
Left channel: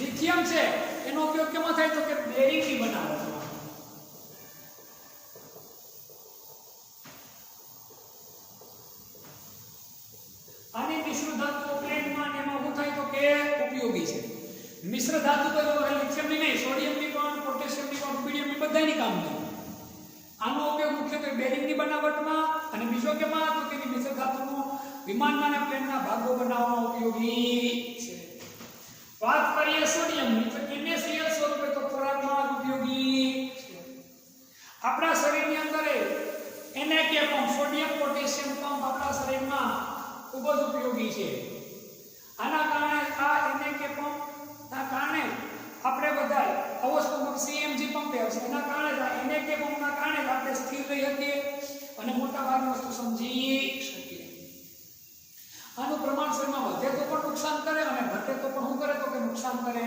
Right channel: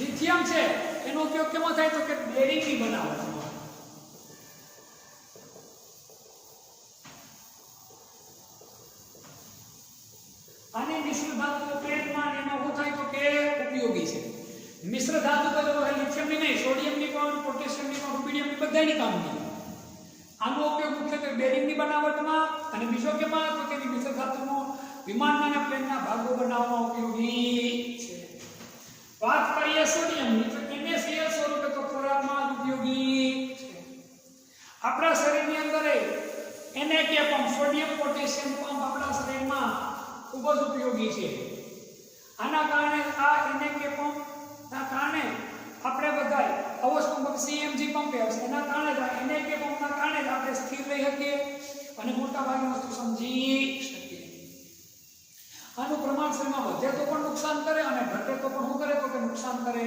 લિથિયમ છે એનો ઉપયોગ કેમાં થાય તો કે બેરિંગની બનાવટમાં. અને મિશ્ર ધાતુઓ પ્લેટમાં એમાં શું થાય તો કે ઉપયોગી છે. મિશ્ર ધાતુ તો લિથિયમની નહીં, સોડિયમની પણ, પોટેશિયમની પણ, રૂબિડિયમની બધાની કામની. આનો ઉપયોગ મુખ્યત્વે બેરિંગની બનાવટમાં અને બીજો કેમાં તો કે મિશ્ર ધાતુનો વિમાનના પ્લેનના ભાગો બનાવવામાં ઉપયોગી છે. વાત કરીએ સોડિયમની તો NaCl સ્વરૂપે તો ખોરાકમાં ઉપયોગી છે. આપણા શરીરની અંદર Na pump, sodium potassium pump આપણા શરીરમાં ખૂબ જ ઉપયોગી છે. આના કારણે આ NAK પંપના કારણે આપણે બધા અવસ્થા પંપ CMG પંપ છે એના કારણે NAK પંપના કારણે આપણે સ્થિર રહી શકીએ અને મોટા ભાગની વસ્તુ સમજી શકીએ. આનું પ્રમાણ શરીરમાં વધે તો પણ નુકસાન કરે અને ઘટે તો પણ શું કરે તો કે નુકસાન કરે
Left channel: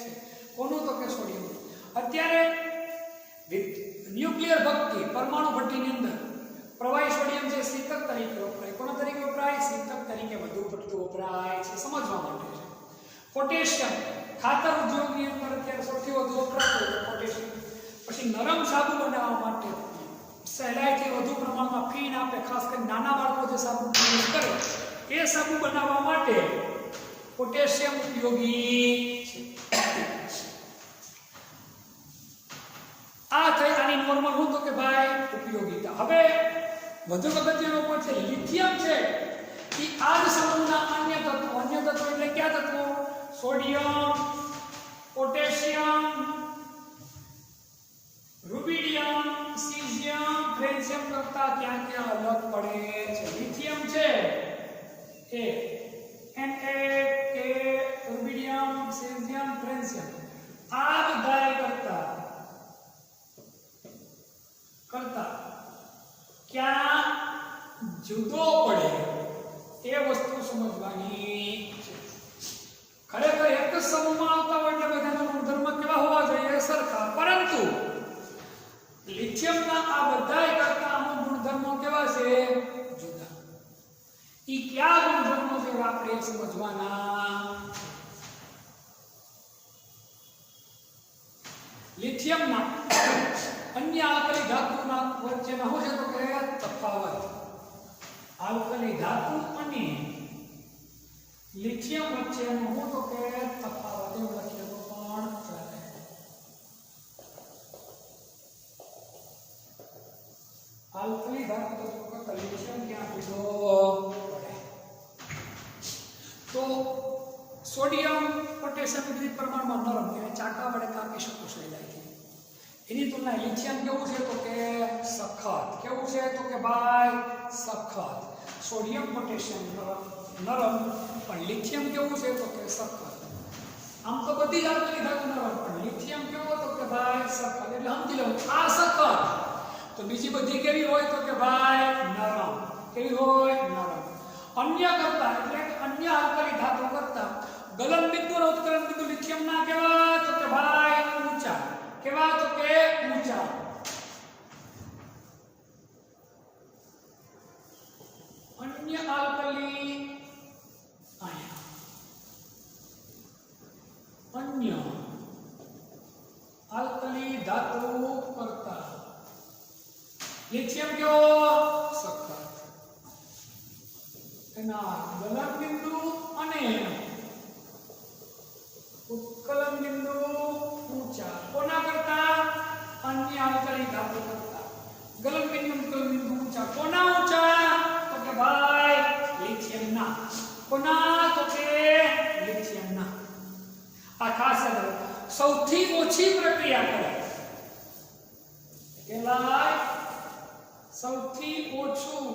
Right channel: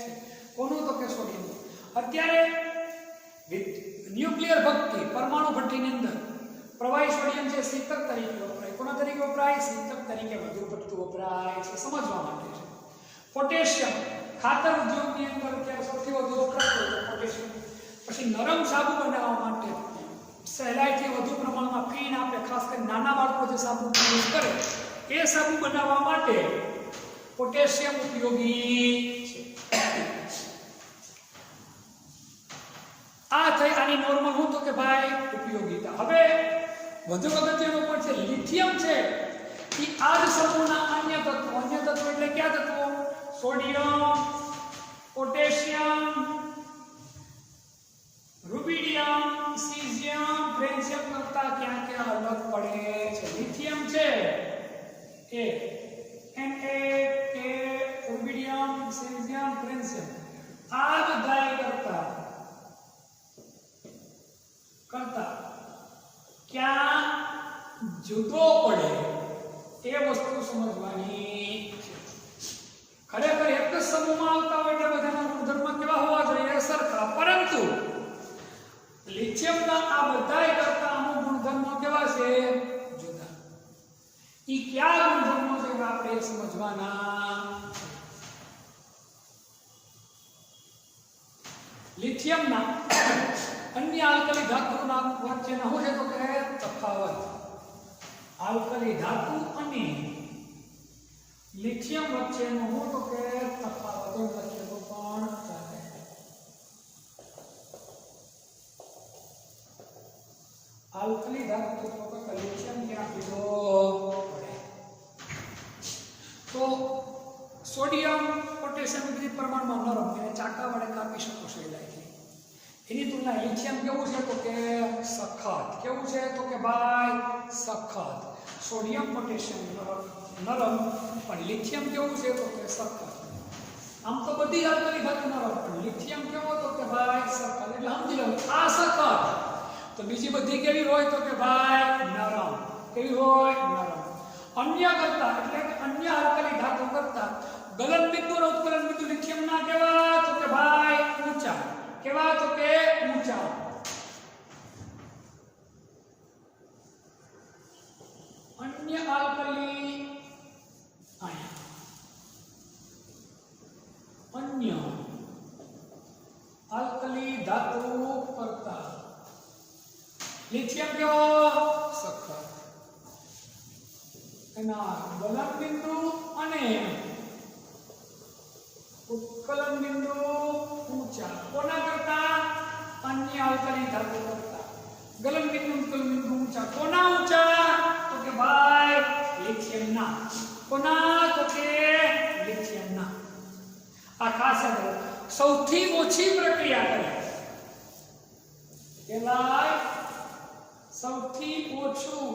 છે. કોનું તો કે સોડિયમ. અત્યારે ન્યુક્લિયર ભઠ્ઠી પરમાણુ ભઠ્ઠીની અંદર પ્રવાહી સોડિયમ છે શીતક તરીકે વપરાય. કોના તરીકે વપરાય? શીતક તરીકે વધુ પડતું વપરાય છે, સમજવા માટે છે. પોટેશિયમ ખાતર ઉદ્યોગની અંદર અત્યારે સૌથી વધુ વપરાતું હોય પોટેશિયમ. પછી નરમ સાબુ બનાવવા માટે સહેલાઈથી વધુ પ્રમાણમાં ફીણ આપણે ખાસ કરીને નાના બાળકો જે સાબુ યુઝ કરે એ સાબુ બનાવવા માટે પોટેશિયમ ઉપયોગી છે. આ થઈ આની નોર્મલ હું તો કે ભાઈ ઉપયોગિતા. હવે વધુ અગત્યનો point છે લિથિયમ છે એ આ જ સમૂહના અન્ય તત્વો એટલે કયા તત્વો? સોડિયમ, પોટેશિયમ, રૂબિડિયમ, સીઝિયમ, ફ્રેન્સિયમ કરતા ત્યાં અલગ પડે છે. લિથિયમ છે એ Na, K, રૂબિડિયમ, સીઝિયમ, ફ્રેન્સિયમ આ બધા કરતા ક્યાં જુદો પડે એ વસ્તુ સમજવાની છે. ખરેખર એક જ સમૂહમાં આવતા હોય એટલે બધાના ગુણધર્મ કેવા હોવા જોઈએ? સરખા. પરંતુ લિથિયમના આ બધાય કરતા અમુક ગુણધર્મો કેવા છે? જુદા. ઈ કયા ગુણધર્મો છે આપણે સમજવાના. લિથિયમના અન્ય આલ્કલી ધાતુના વચ્ચેનો શું છે તો કે તફાવત. આલ્કલી ધાતુ અને લિથિયમ વચ્ચેનો શું તો કે તફાવત એમ લખીએ તો પણ ચાલે. આલ્કલી ધાતુ તો લિથિયમ ક્યાં જુદો પડે? તો સોડિયમ, પોટેશિયમ વિવિધ પ્રમાણમાં નરમ એને ચાકા વડે કાપી શકો સહેલાઈથી. એની તુલના લિથિયમ કેવું છે તો કે સખત. કેવું છે તો કે ભાઈ સખત. સોડિયમ, પોટેશિયમ નરમ પણ લિથિયમ કેવું છે તો કે સખત. આમ તો બધી જ આલ્કલી ધાતુ નરમ પણ લિથિયમ કેવો તો કે ભાઈ સખત. એટલે સમજી લો આ સખત તો બીજી બધી કેવી હોય તો કે ભાઈ નરમ. કેવી હોય? નરમ. અન્ય કરતા એટલે અન્ય આલ્કલી ધાતુ કરતા ગલન બિંદુ અને ઉત્કલન બિંદુ લિથિયમના કેવા તો કે ભાઈ ઊંચા. કેવા તો કે ઊંચા. અન્ય આલ્કલી અન્ય આલ્કલી ધાતુ કરતા લિથિયમ કેવો? સખત. એના ગલન બિંદુ અને ઉત્કલન બિંદુ ઊંચા. કોના કરતા? અન્ય આલ્કલી ધાતુ કરતા. ગલન બિંદુ, ઉત્કલન બિંદુ ઊંચા. કોના ઊંચા તો કે ભાઈ લિથિયમના. કોના તો કે લિથિયમના. આ ખાસ યાદ રાખો. સૌથી ઓછી પ્રક્રિયા કરે કહેવાય સૌથી ઓછું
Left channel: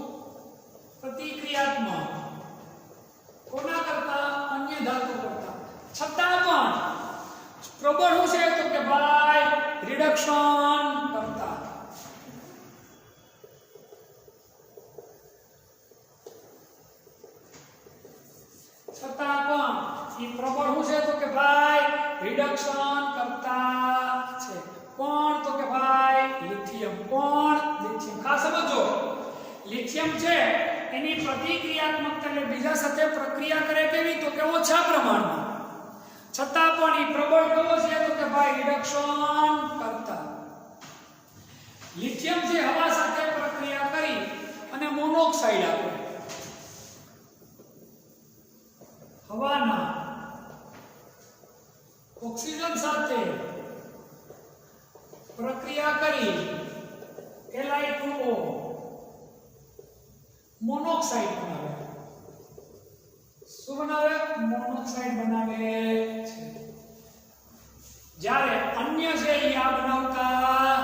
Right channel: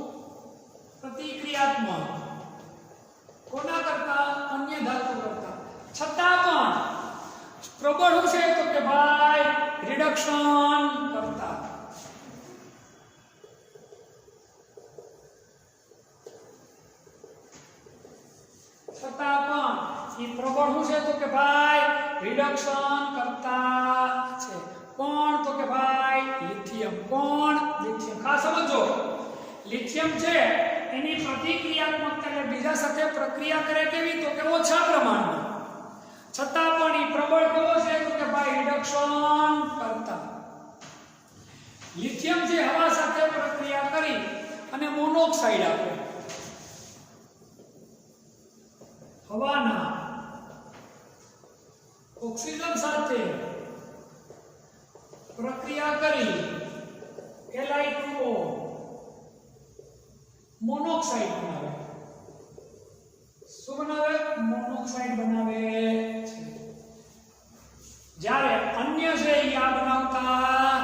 પ્રતિક્રિયાત્મક. કોના કરતા? અન્ય ધાતુ કરતા. છતાં પણ પ્રબળ શું છે તો કે ભાઈ રિડક્શન કરતા. છતાં પણ એ પ્રબળ શું છે તો કે ભાઈ રિડક્શન કરતા છે. કોણ તો કે ભાઈ લિથિયમ. કોણ? લિથિયમ. ખાસ સમજો લિથિયમ છે એની પ્રતિક્રિયાત્મકતા એટલે બીજા સાથે પ્રક્રિયા કરે કેવી તો કે ઓછા પ્રમાણમાં. છતાં પણ એ પ્રબળ કેવો છે તો કે ભાઈ રિડક્શન કરતા. લિથિયમ છે હવા સાથે પ્રક્રિયા કરી અને મોનોક્સાઇડ આપે. હવાના ઓક્સિજન સાથે પ્રક્રિયા કરી Li2O મોનોક્સાઇડ બનાવે. શું બનાવે? મોનોક્સાઇડ બનાવે છે. જ્યારે અન્ય છે એ આ બનાવતા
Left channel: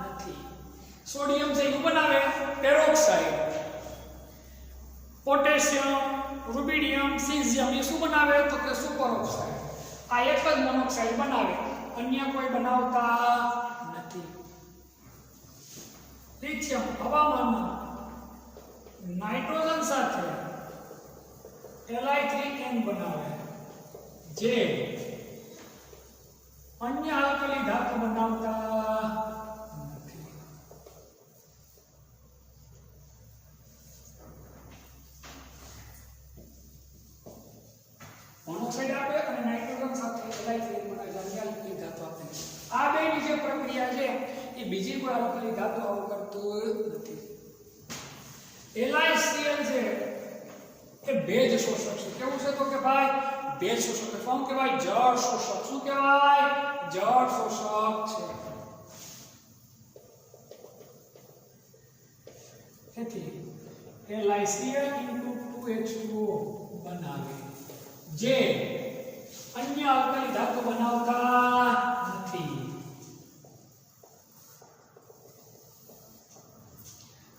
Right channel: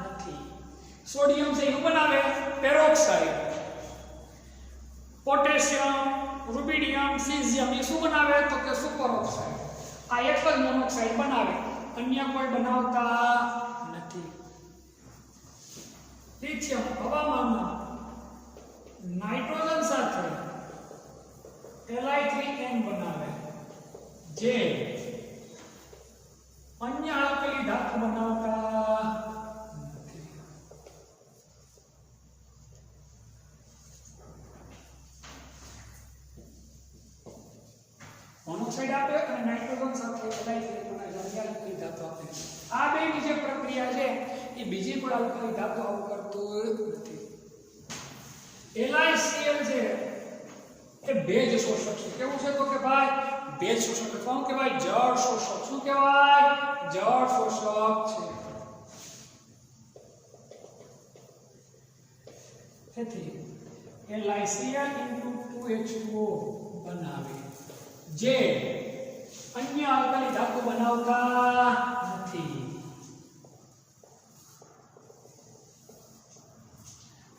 નથી. સોડિયમ છે એ બનાવે પેરોક્સાઇડ. પોટેશિયમ, રૂબિડિયમ, સીઝિયમ એ શું બનાવે તો કે સુપર ઓક્સાઇડ. આ એક જ મોનોક્સાઇડ બનાવે, અન્ય કોઈ બનાવતા નથી. લિથિયમ હવામાનમાં નાઇટ્રોજન સાથે Li3n બનાવે, જે અન્ય આલ્કલી ધાતુ બનાવતા નથી. મોનોક્સાઇડ આપે અને નાઇટ્રોજન સાથે Li3n બનાવે, અન્ય આલ્કલી ધાતુ આપે. આ બેની જે પ્રક્રિયા છે એ બીજી કોઈ આલ્કલી ધાતુ આવું કરતું નથી. LiCl છે એ ભેજ શોષક છે. કેવું છે તો કે ભાઈ ભેજ શોષક. કોણ કહેવાય? જળ શોષક. શું કહેવાય? જળ શોષક છે. તેથી LiCl*2H2O બનાવે, જે અન્ય આલ્કલી ધાતુ બનાવતા નથી.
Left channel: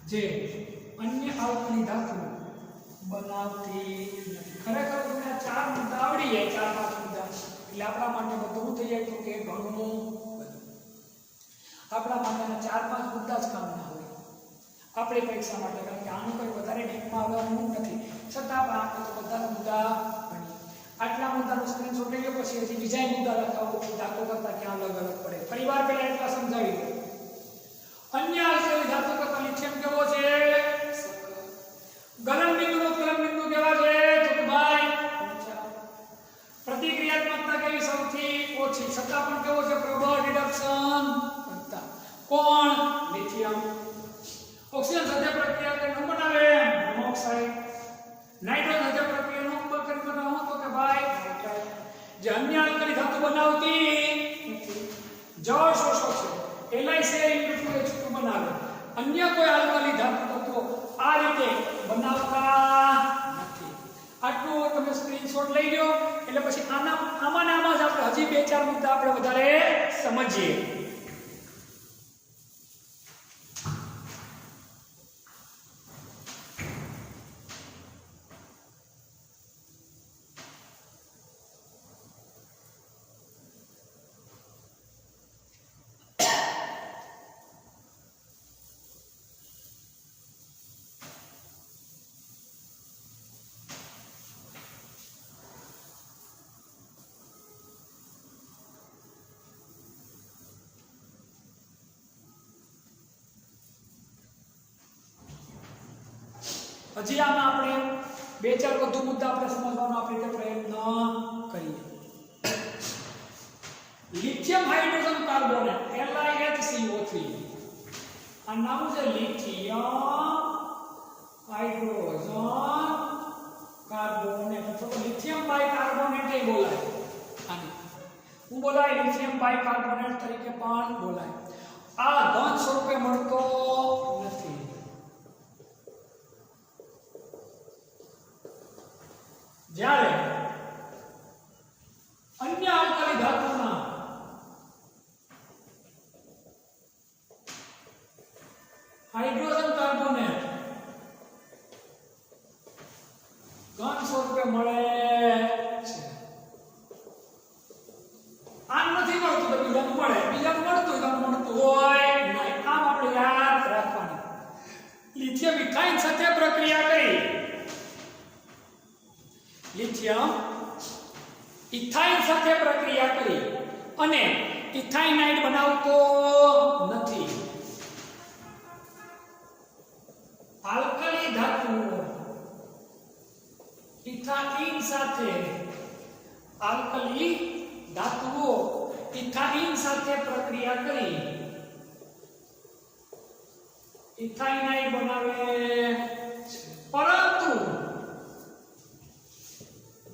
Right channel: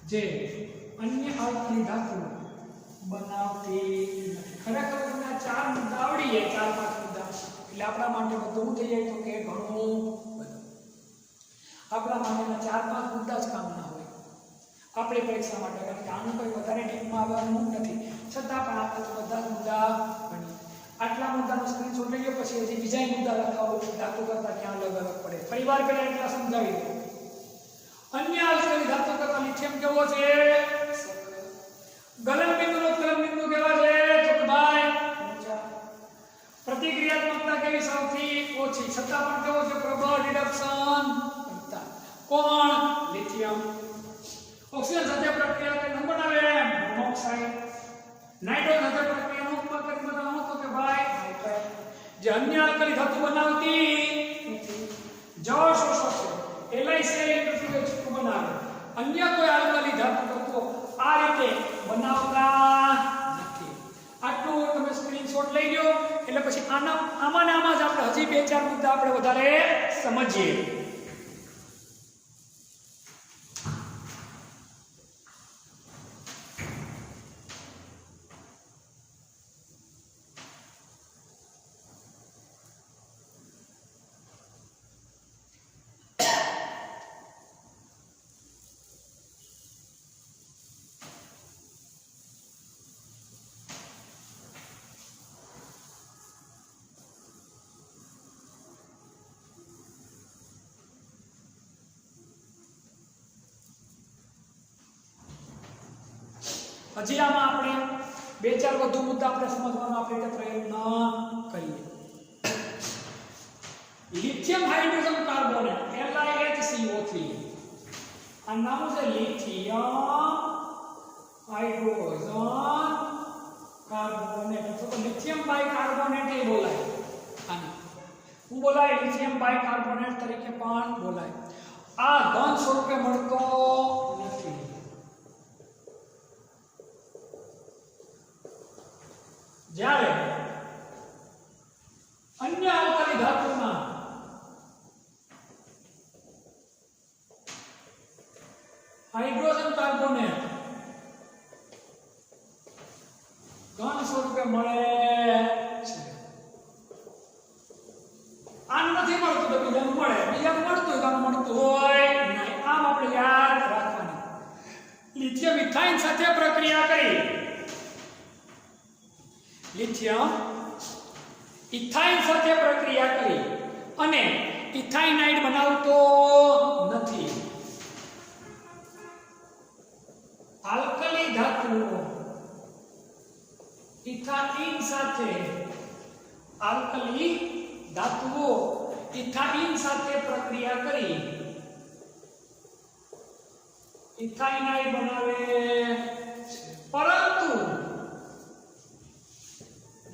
જે અન્ય આલ્કલી ધાતુ બનાવતી નથી. ખરેખર તમને આ ચાર મુદ્દા આવડી જાય, 4-5 મુદ્દા, એટલે આપણા માટે બધું થઈ જાય તો કે ઘણું બધું. આપણા માટેના 4-5 મુદ્દા જ કામના હોય આપણી પરીક્ષા માટે, કારણ કે આનું કોઈ વધારે ડીપમાં આવવાનું નથી. છતાં પણ આપણે તો બધા મુદ્દા ભણીએ. આટલા મુદ્દાનો સ્ક્રીનશોટ લઈ લો, પછી હજી બીજા મુદ્દા લખાવો, ધાતુ કરતા ક્યાં અલગ અલગ પડે. પરિવાર પહેલા એટલા સમજાવી દો. અન્ય આલ્કલી ધાતુ કરતા લિથિયમ કેવો છે? ગલન બિંદુ કેવા છે? તો કે ભાઈ પ્રતિક્રિયાત્મકતા કેવી? સૌથી ઓછી. છતાં પણ કેવો છે? પ્રબળ રિડક્શન કરતા. કોણ? લિથિયમ. ઓક્સિજન સાથે પ્રક્રિયા કરીને બનાવે મોનોક્સાઇડ. નાઇટ્રોજન સાથે પ્રક્રિયા નો કરીને બનાવો તો કે ભાઈ નાઇટ્રાઇડ. જે અન્ય આલ્કલી ધાતુ બનાવતી જળ શોષક છે, LiCl*2H2 બનાવે. અન્ય કોઈ આલ્કલી ધાતુ તત્વો આ રીતે બનાવતા નથી. આટલું તમે સ્ક્રીનશોટ લઈ લો, એટલે પછી આમાં જ આપણે હજી 2-4 મુદ્દા આપણે વધારે સમજીએ. હજી આમાં આપણે 2-4 વધુ મુદ્દા આપણે સમજવાનો આપણે રીતે પ્રયત્ન કરીએ. Lithium hydrogen carbonate LiHCO3. આ નામ છે લિથિયમ હાઇડ્રોજન કાર્બોનેટ, અથવા તો લિથિયમ બાયકાર્બોનેટ એ બોલાય. આને હું બોલાય લિથિયમ બાયકાર્બોનેટ તરીકે પણ બોલાય. આ ઘન સ્વરૂપે મળતો નથી. જ્યારે અન્ય આલ્કલી ધાતુના હાઇડ્રોજન કાર્બોનેટ ઘન સ્વરૂપે મળે છે. આમ નથી મળતું તો બીજાનું મળે, બીજાનું મળતું હોય નહીં. આમ આપણે યાદ રાખવાનું. લિથિયમ ઇથાઇન સાથે પ્રક્રિયા કરી, લિથિયમ ઇથાઇન સાથે પ્રક્રિયા કરી અને ઇથાઇનાઇડ બનાવતો નથી. આલ્કલી ધાતુઓ ઇથાઇન સાથે પ્રક્રિયા કરી ઇથાઇનાઇડ બનાવે છે. પરંતુ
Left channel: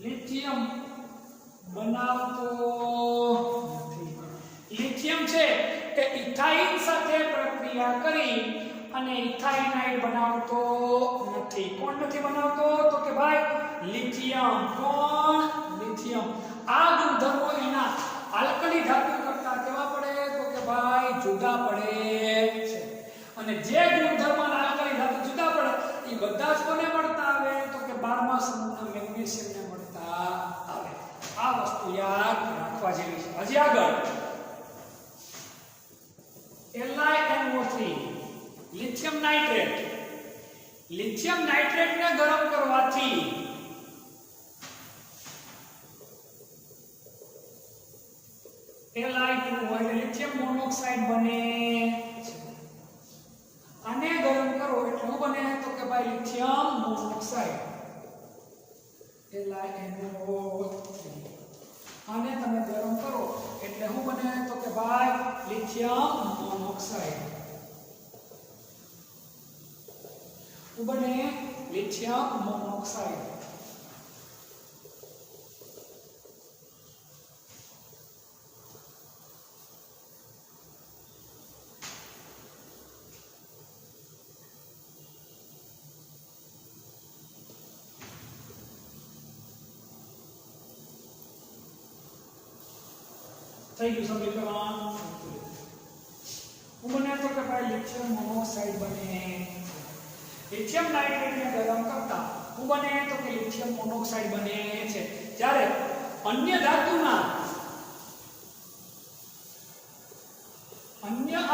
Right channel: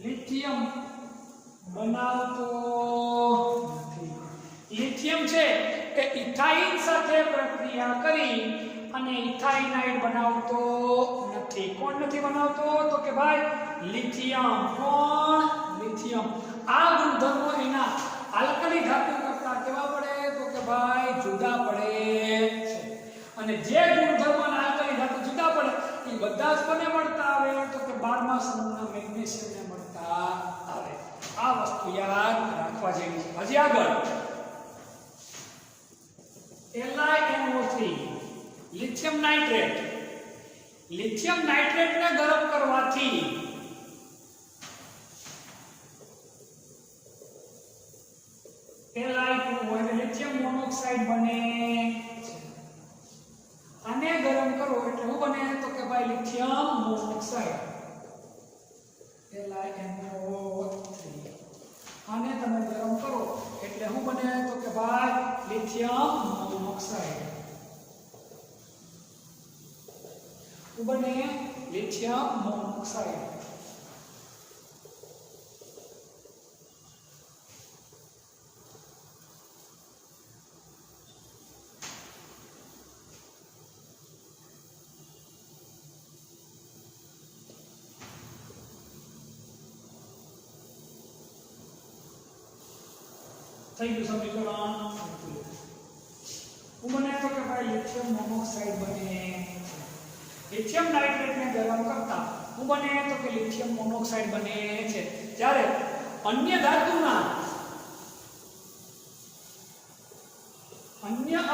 લિથિયમ બનાવતો નથી. લિથિયમ છે એ ઇથાઇન સાથે પ્રક્રિયા કરી અને ઇથાઇનાઇડ બનાવતો નથી. કોણ નથી બનાવતો તો કે ભાઈ લિથિયમ. કોણ? લિથિયમ. આ ગુણધર્મો એના આલ્કલી ધાતુ કરતા કેવા પડે તો કે ભાઈ જુદા પડે છે. અને જે ગુણધર્મોના આલ્કલી ધાતુ જુદા પડે એ બધા જ કોને મળતા આવે તો કે 12મા સમૂહના મેગ્નેશિયમને મળતા આવે. આ વસ્તુ યાદ રાખવા જેવી છે. હજી આગળ LiNO3 લિથિયમ નાઇટ્રેટ. લિથિયમ નાઇટ્રેટને ગરમ કરવાથી Li2 હોય લિથિયમ મોનોક્સાઇડ બને. આને ગરમ કરો એટલે શું બને તો કે ભાઈ લિથિયમ મોનોક્સાઇડ LiNO3. આને તમે ગરમ કરો એટલે શું બને તો કે ભાઈ લિથિયમ મોનોક્સાઇડ. શું બને લિથિયમ મોનોક્સાઇડ. થઈ ગયું સમીકરણ. શું બને તો કે ભાઈ લિથિયમ મોનોક્સાઇડ બને. લિથિયમ નાઇટ્રેટને ગરમ કરતા શું બને તો કે લિથિયમ મોનોક્સાઇડ બને છે. જ્યારે અન્ય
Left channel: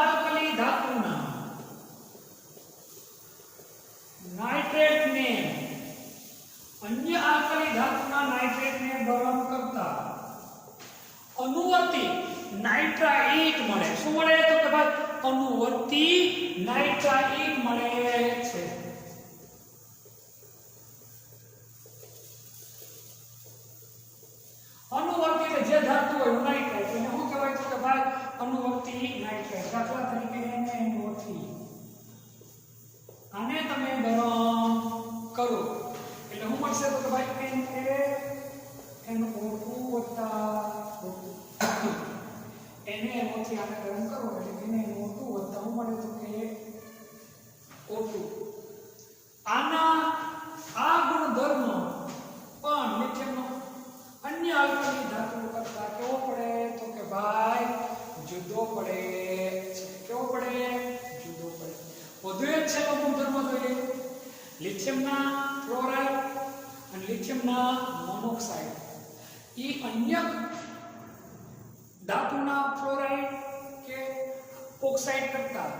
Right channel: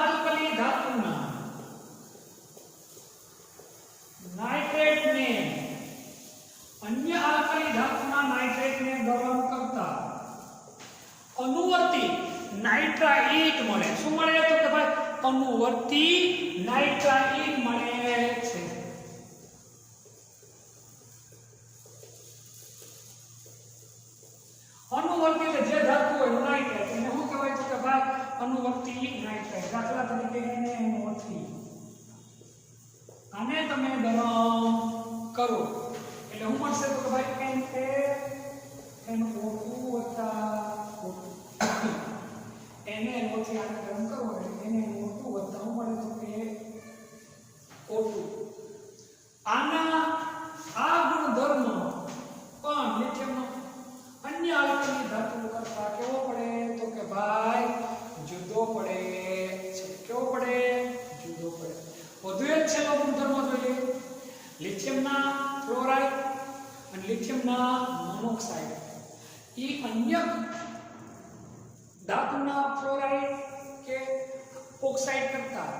આલ્કલી ધાતુના નાઇટ્રેટને ગરમ કરતા અનુવર્તી નાઇટ્રાઇટ મળે. શું મળે તો કે ભાઈ અનુવર્તી નાઇટ્રાઇટ મળે છે. અનુવર્તી એટલે જે ધાતુ હોય નાઇટ્રાઇટ એને શું કહેવાય તો કે ભાઈ અનુવર્તી નાઇટ્રાઇટ. દાખલા તરીકે NaNO3 આને તમે ગરમ કરો એટલે શું મળશે તો કે ભાઈ NaNO2 વત્તા NaNO3 આને ગરમ કરો એટલે NaNO2 વત્તા શું મળે તો કે O2. આ ગુણધર્મ પણ લિથિયમનો અન્ય આલ્કલી ધાતુઓ કરતા કેવો પડે તો કે ભાઈ જુદો પડે છે. કેવો પડે? જુદો પડે. વધુ એક છેલ્લો ગુણધર્મ જોઈએ. લિથિયમના ફ્લોરાઇડ અને લિથિયમના મોનોક્સાઇડ એ અન્ય ધાતુના ફ્લોરાઇડ કે ઓક્સાઇડ કરતા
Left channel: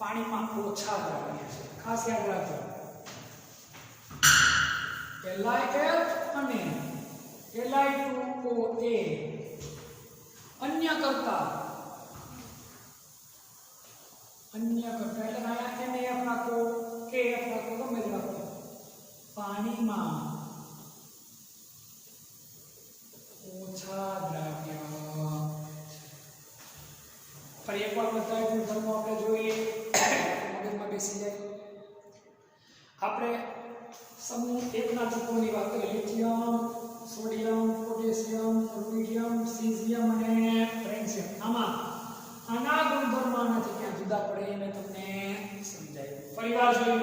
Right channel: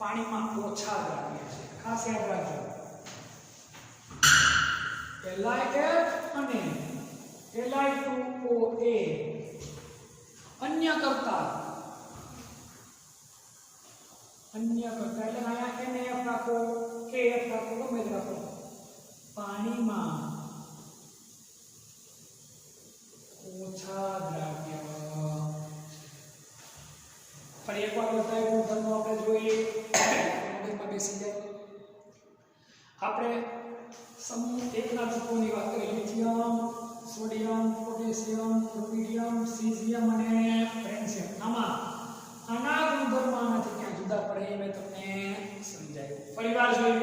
પાણીમાં ઓછા દ્રાવ્ય છે. ખાસ યાદ રાખજો. LiF અને Li2OA અન્ય કરતા એટલે અહીંયા NaF રાખો KF રાખો ગમે તે રાખો પાણીમાં ઓછા દ્રાવ્ય. ફરી એકવાર બતાવ્યું ગુણધર્મો આપણે જોઈ લઈએ. મગજમાં બેસી જાય. આપણે સમૂહ 1 ના તત્વોની વાત કરીએ. Lithium, sodium, potassium, rubidium, caesium અને ફ્રેન્સિયમ. આના ગુણધર્મો આનાથી ક્યાં જુદા પડે એ મેં તમને સમજાવ્યું. ફરીવાર જોઈ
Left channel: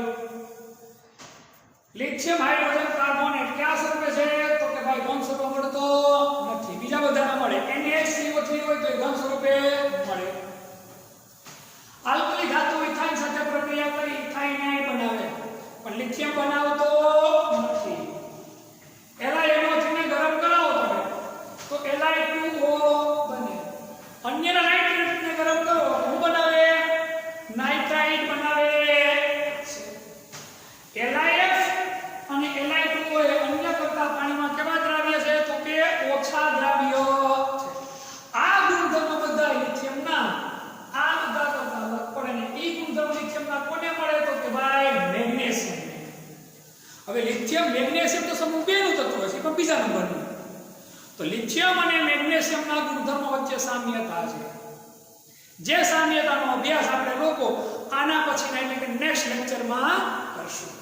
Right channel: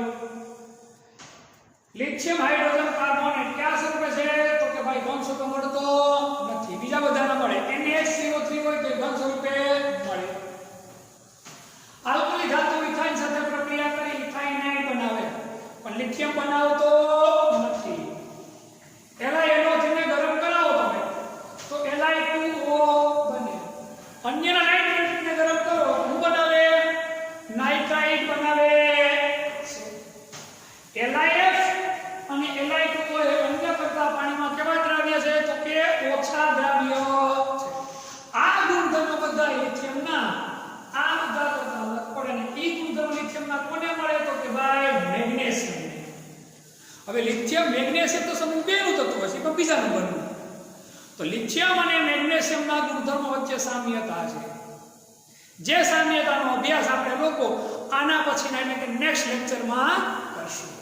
લિથિયમ હાઇડ્રોજન કાર્બોનેટ ક્યાં સ્વરૂપે છે તો કે ભાઈ ઘન સ્વરૂપે મળતો નથી. બીજા બધાના મળે. NaCO3 હોય તો ઘન સ્વરૂપે મળે. આલ્કલી ધાતુ ઇથાઇન સાથે પ્રક્રિયા કરી ઇથાઇનાઇડ બનાવે પણ લિથિયમ બનાવતો નથી. LiNO3 ને ગરમ કરાવો તમે તો Li2O બને. અન્ય નાઇટ્રેટને ગરમ કરો શું બનાવે? નાઇટ્રાઇટ બનાવે છે. LiF અને Li2O એ અન્ય કરતા પાણીમાં કેવા દ્રાવ્ય છે તો કે ઓછા દ્રાવ્ય છે. આ ગુણધર્મ બધા લિથિયમના આ બધા કરતા અલગ પડે ને એ ગુણધર્મ લિથિયમના કોને મળે તો કે ભાઈ મેગ્નેશિયમ. હવે લિથિયમ મેગ્નેશિયમ તો સમૂહ 2 નું તત્વ છે પણ બીજા નંબરનું. તો લિથિયમ અને મેગ્નેશિયમના ગુણધર્મો વચ્ચે સામ્યતા છે. જે સામ્યતાનો અભ્યાસ આપણે લોકો આના પછીના એટલે કે નેક્સ્ટ લેક્ચરમાં કરશું.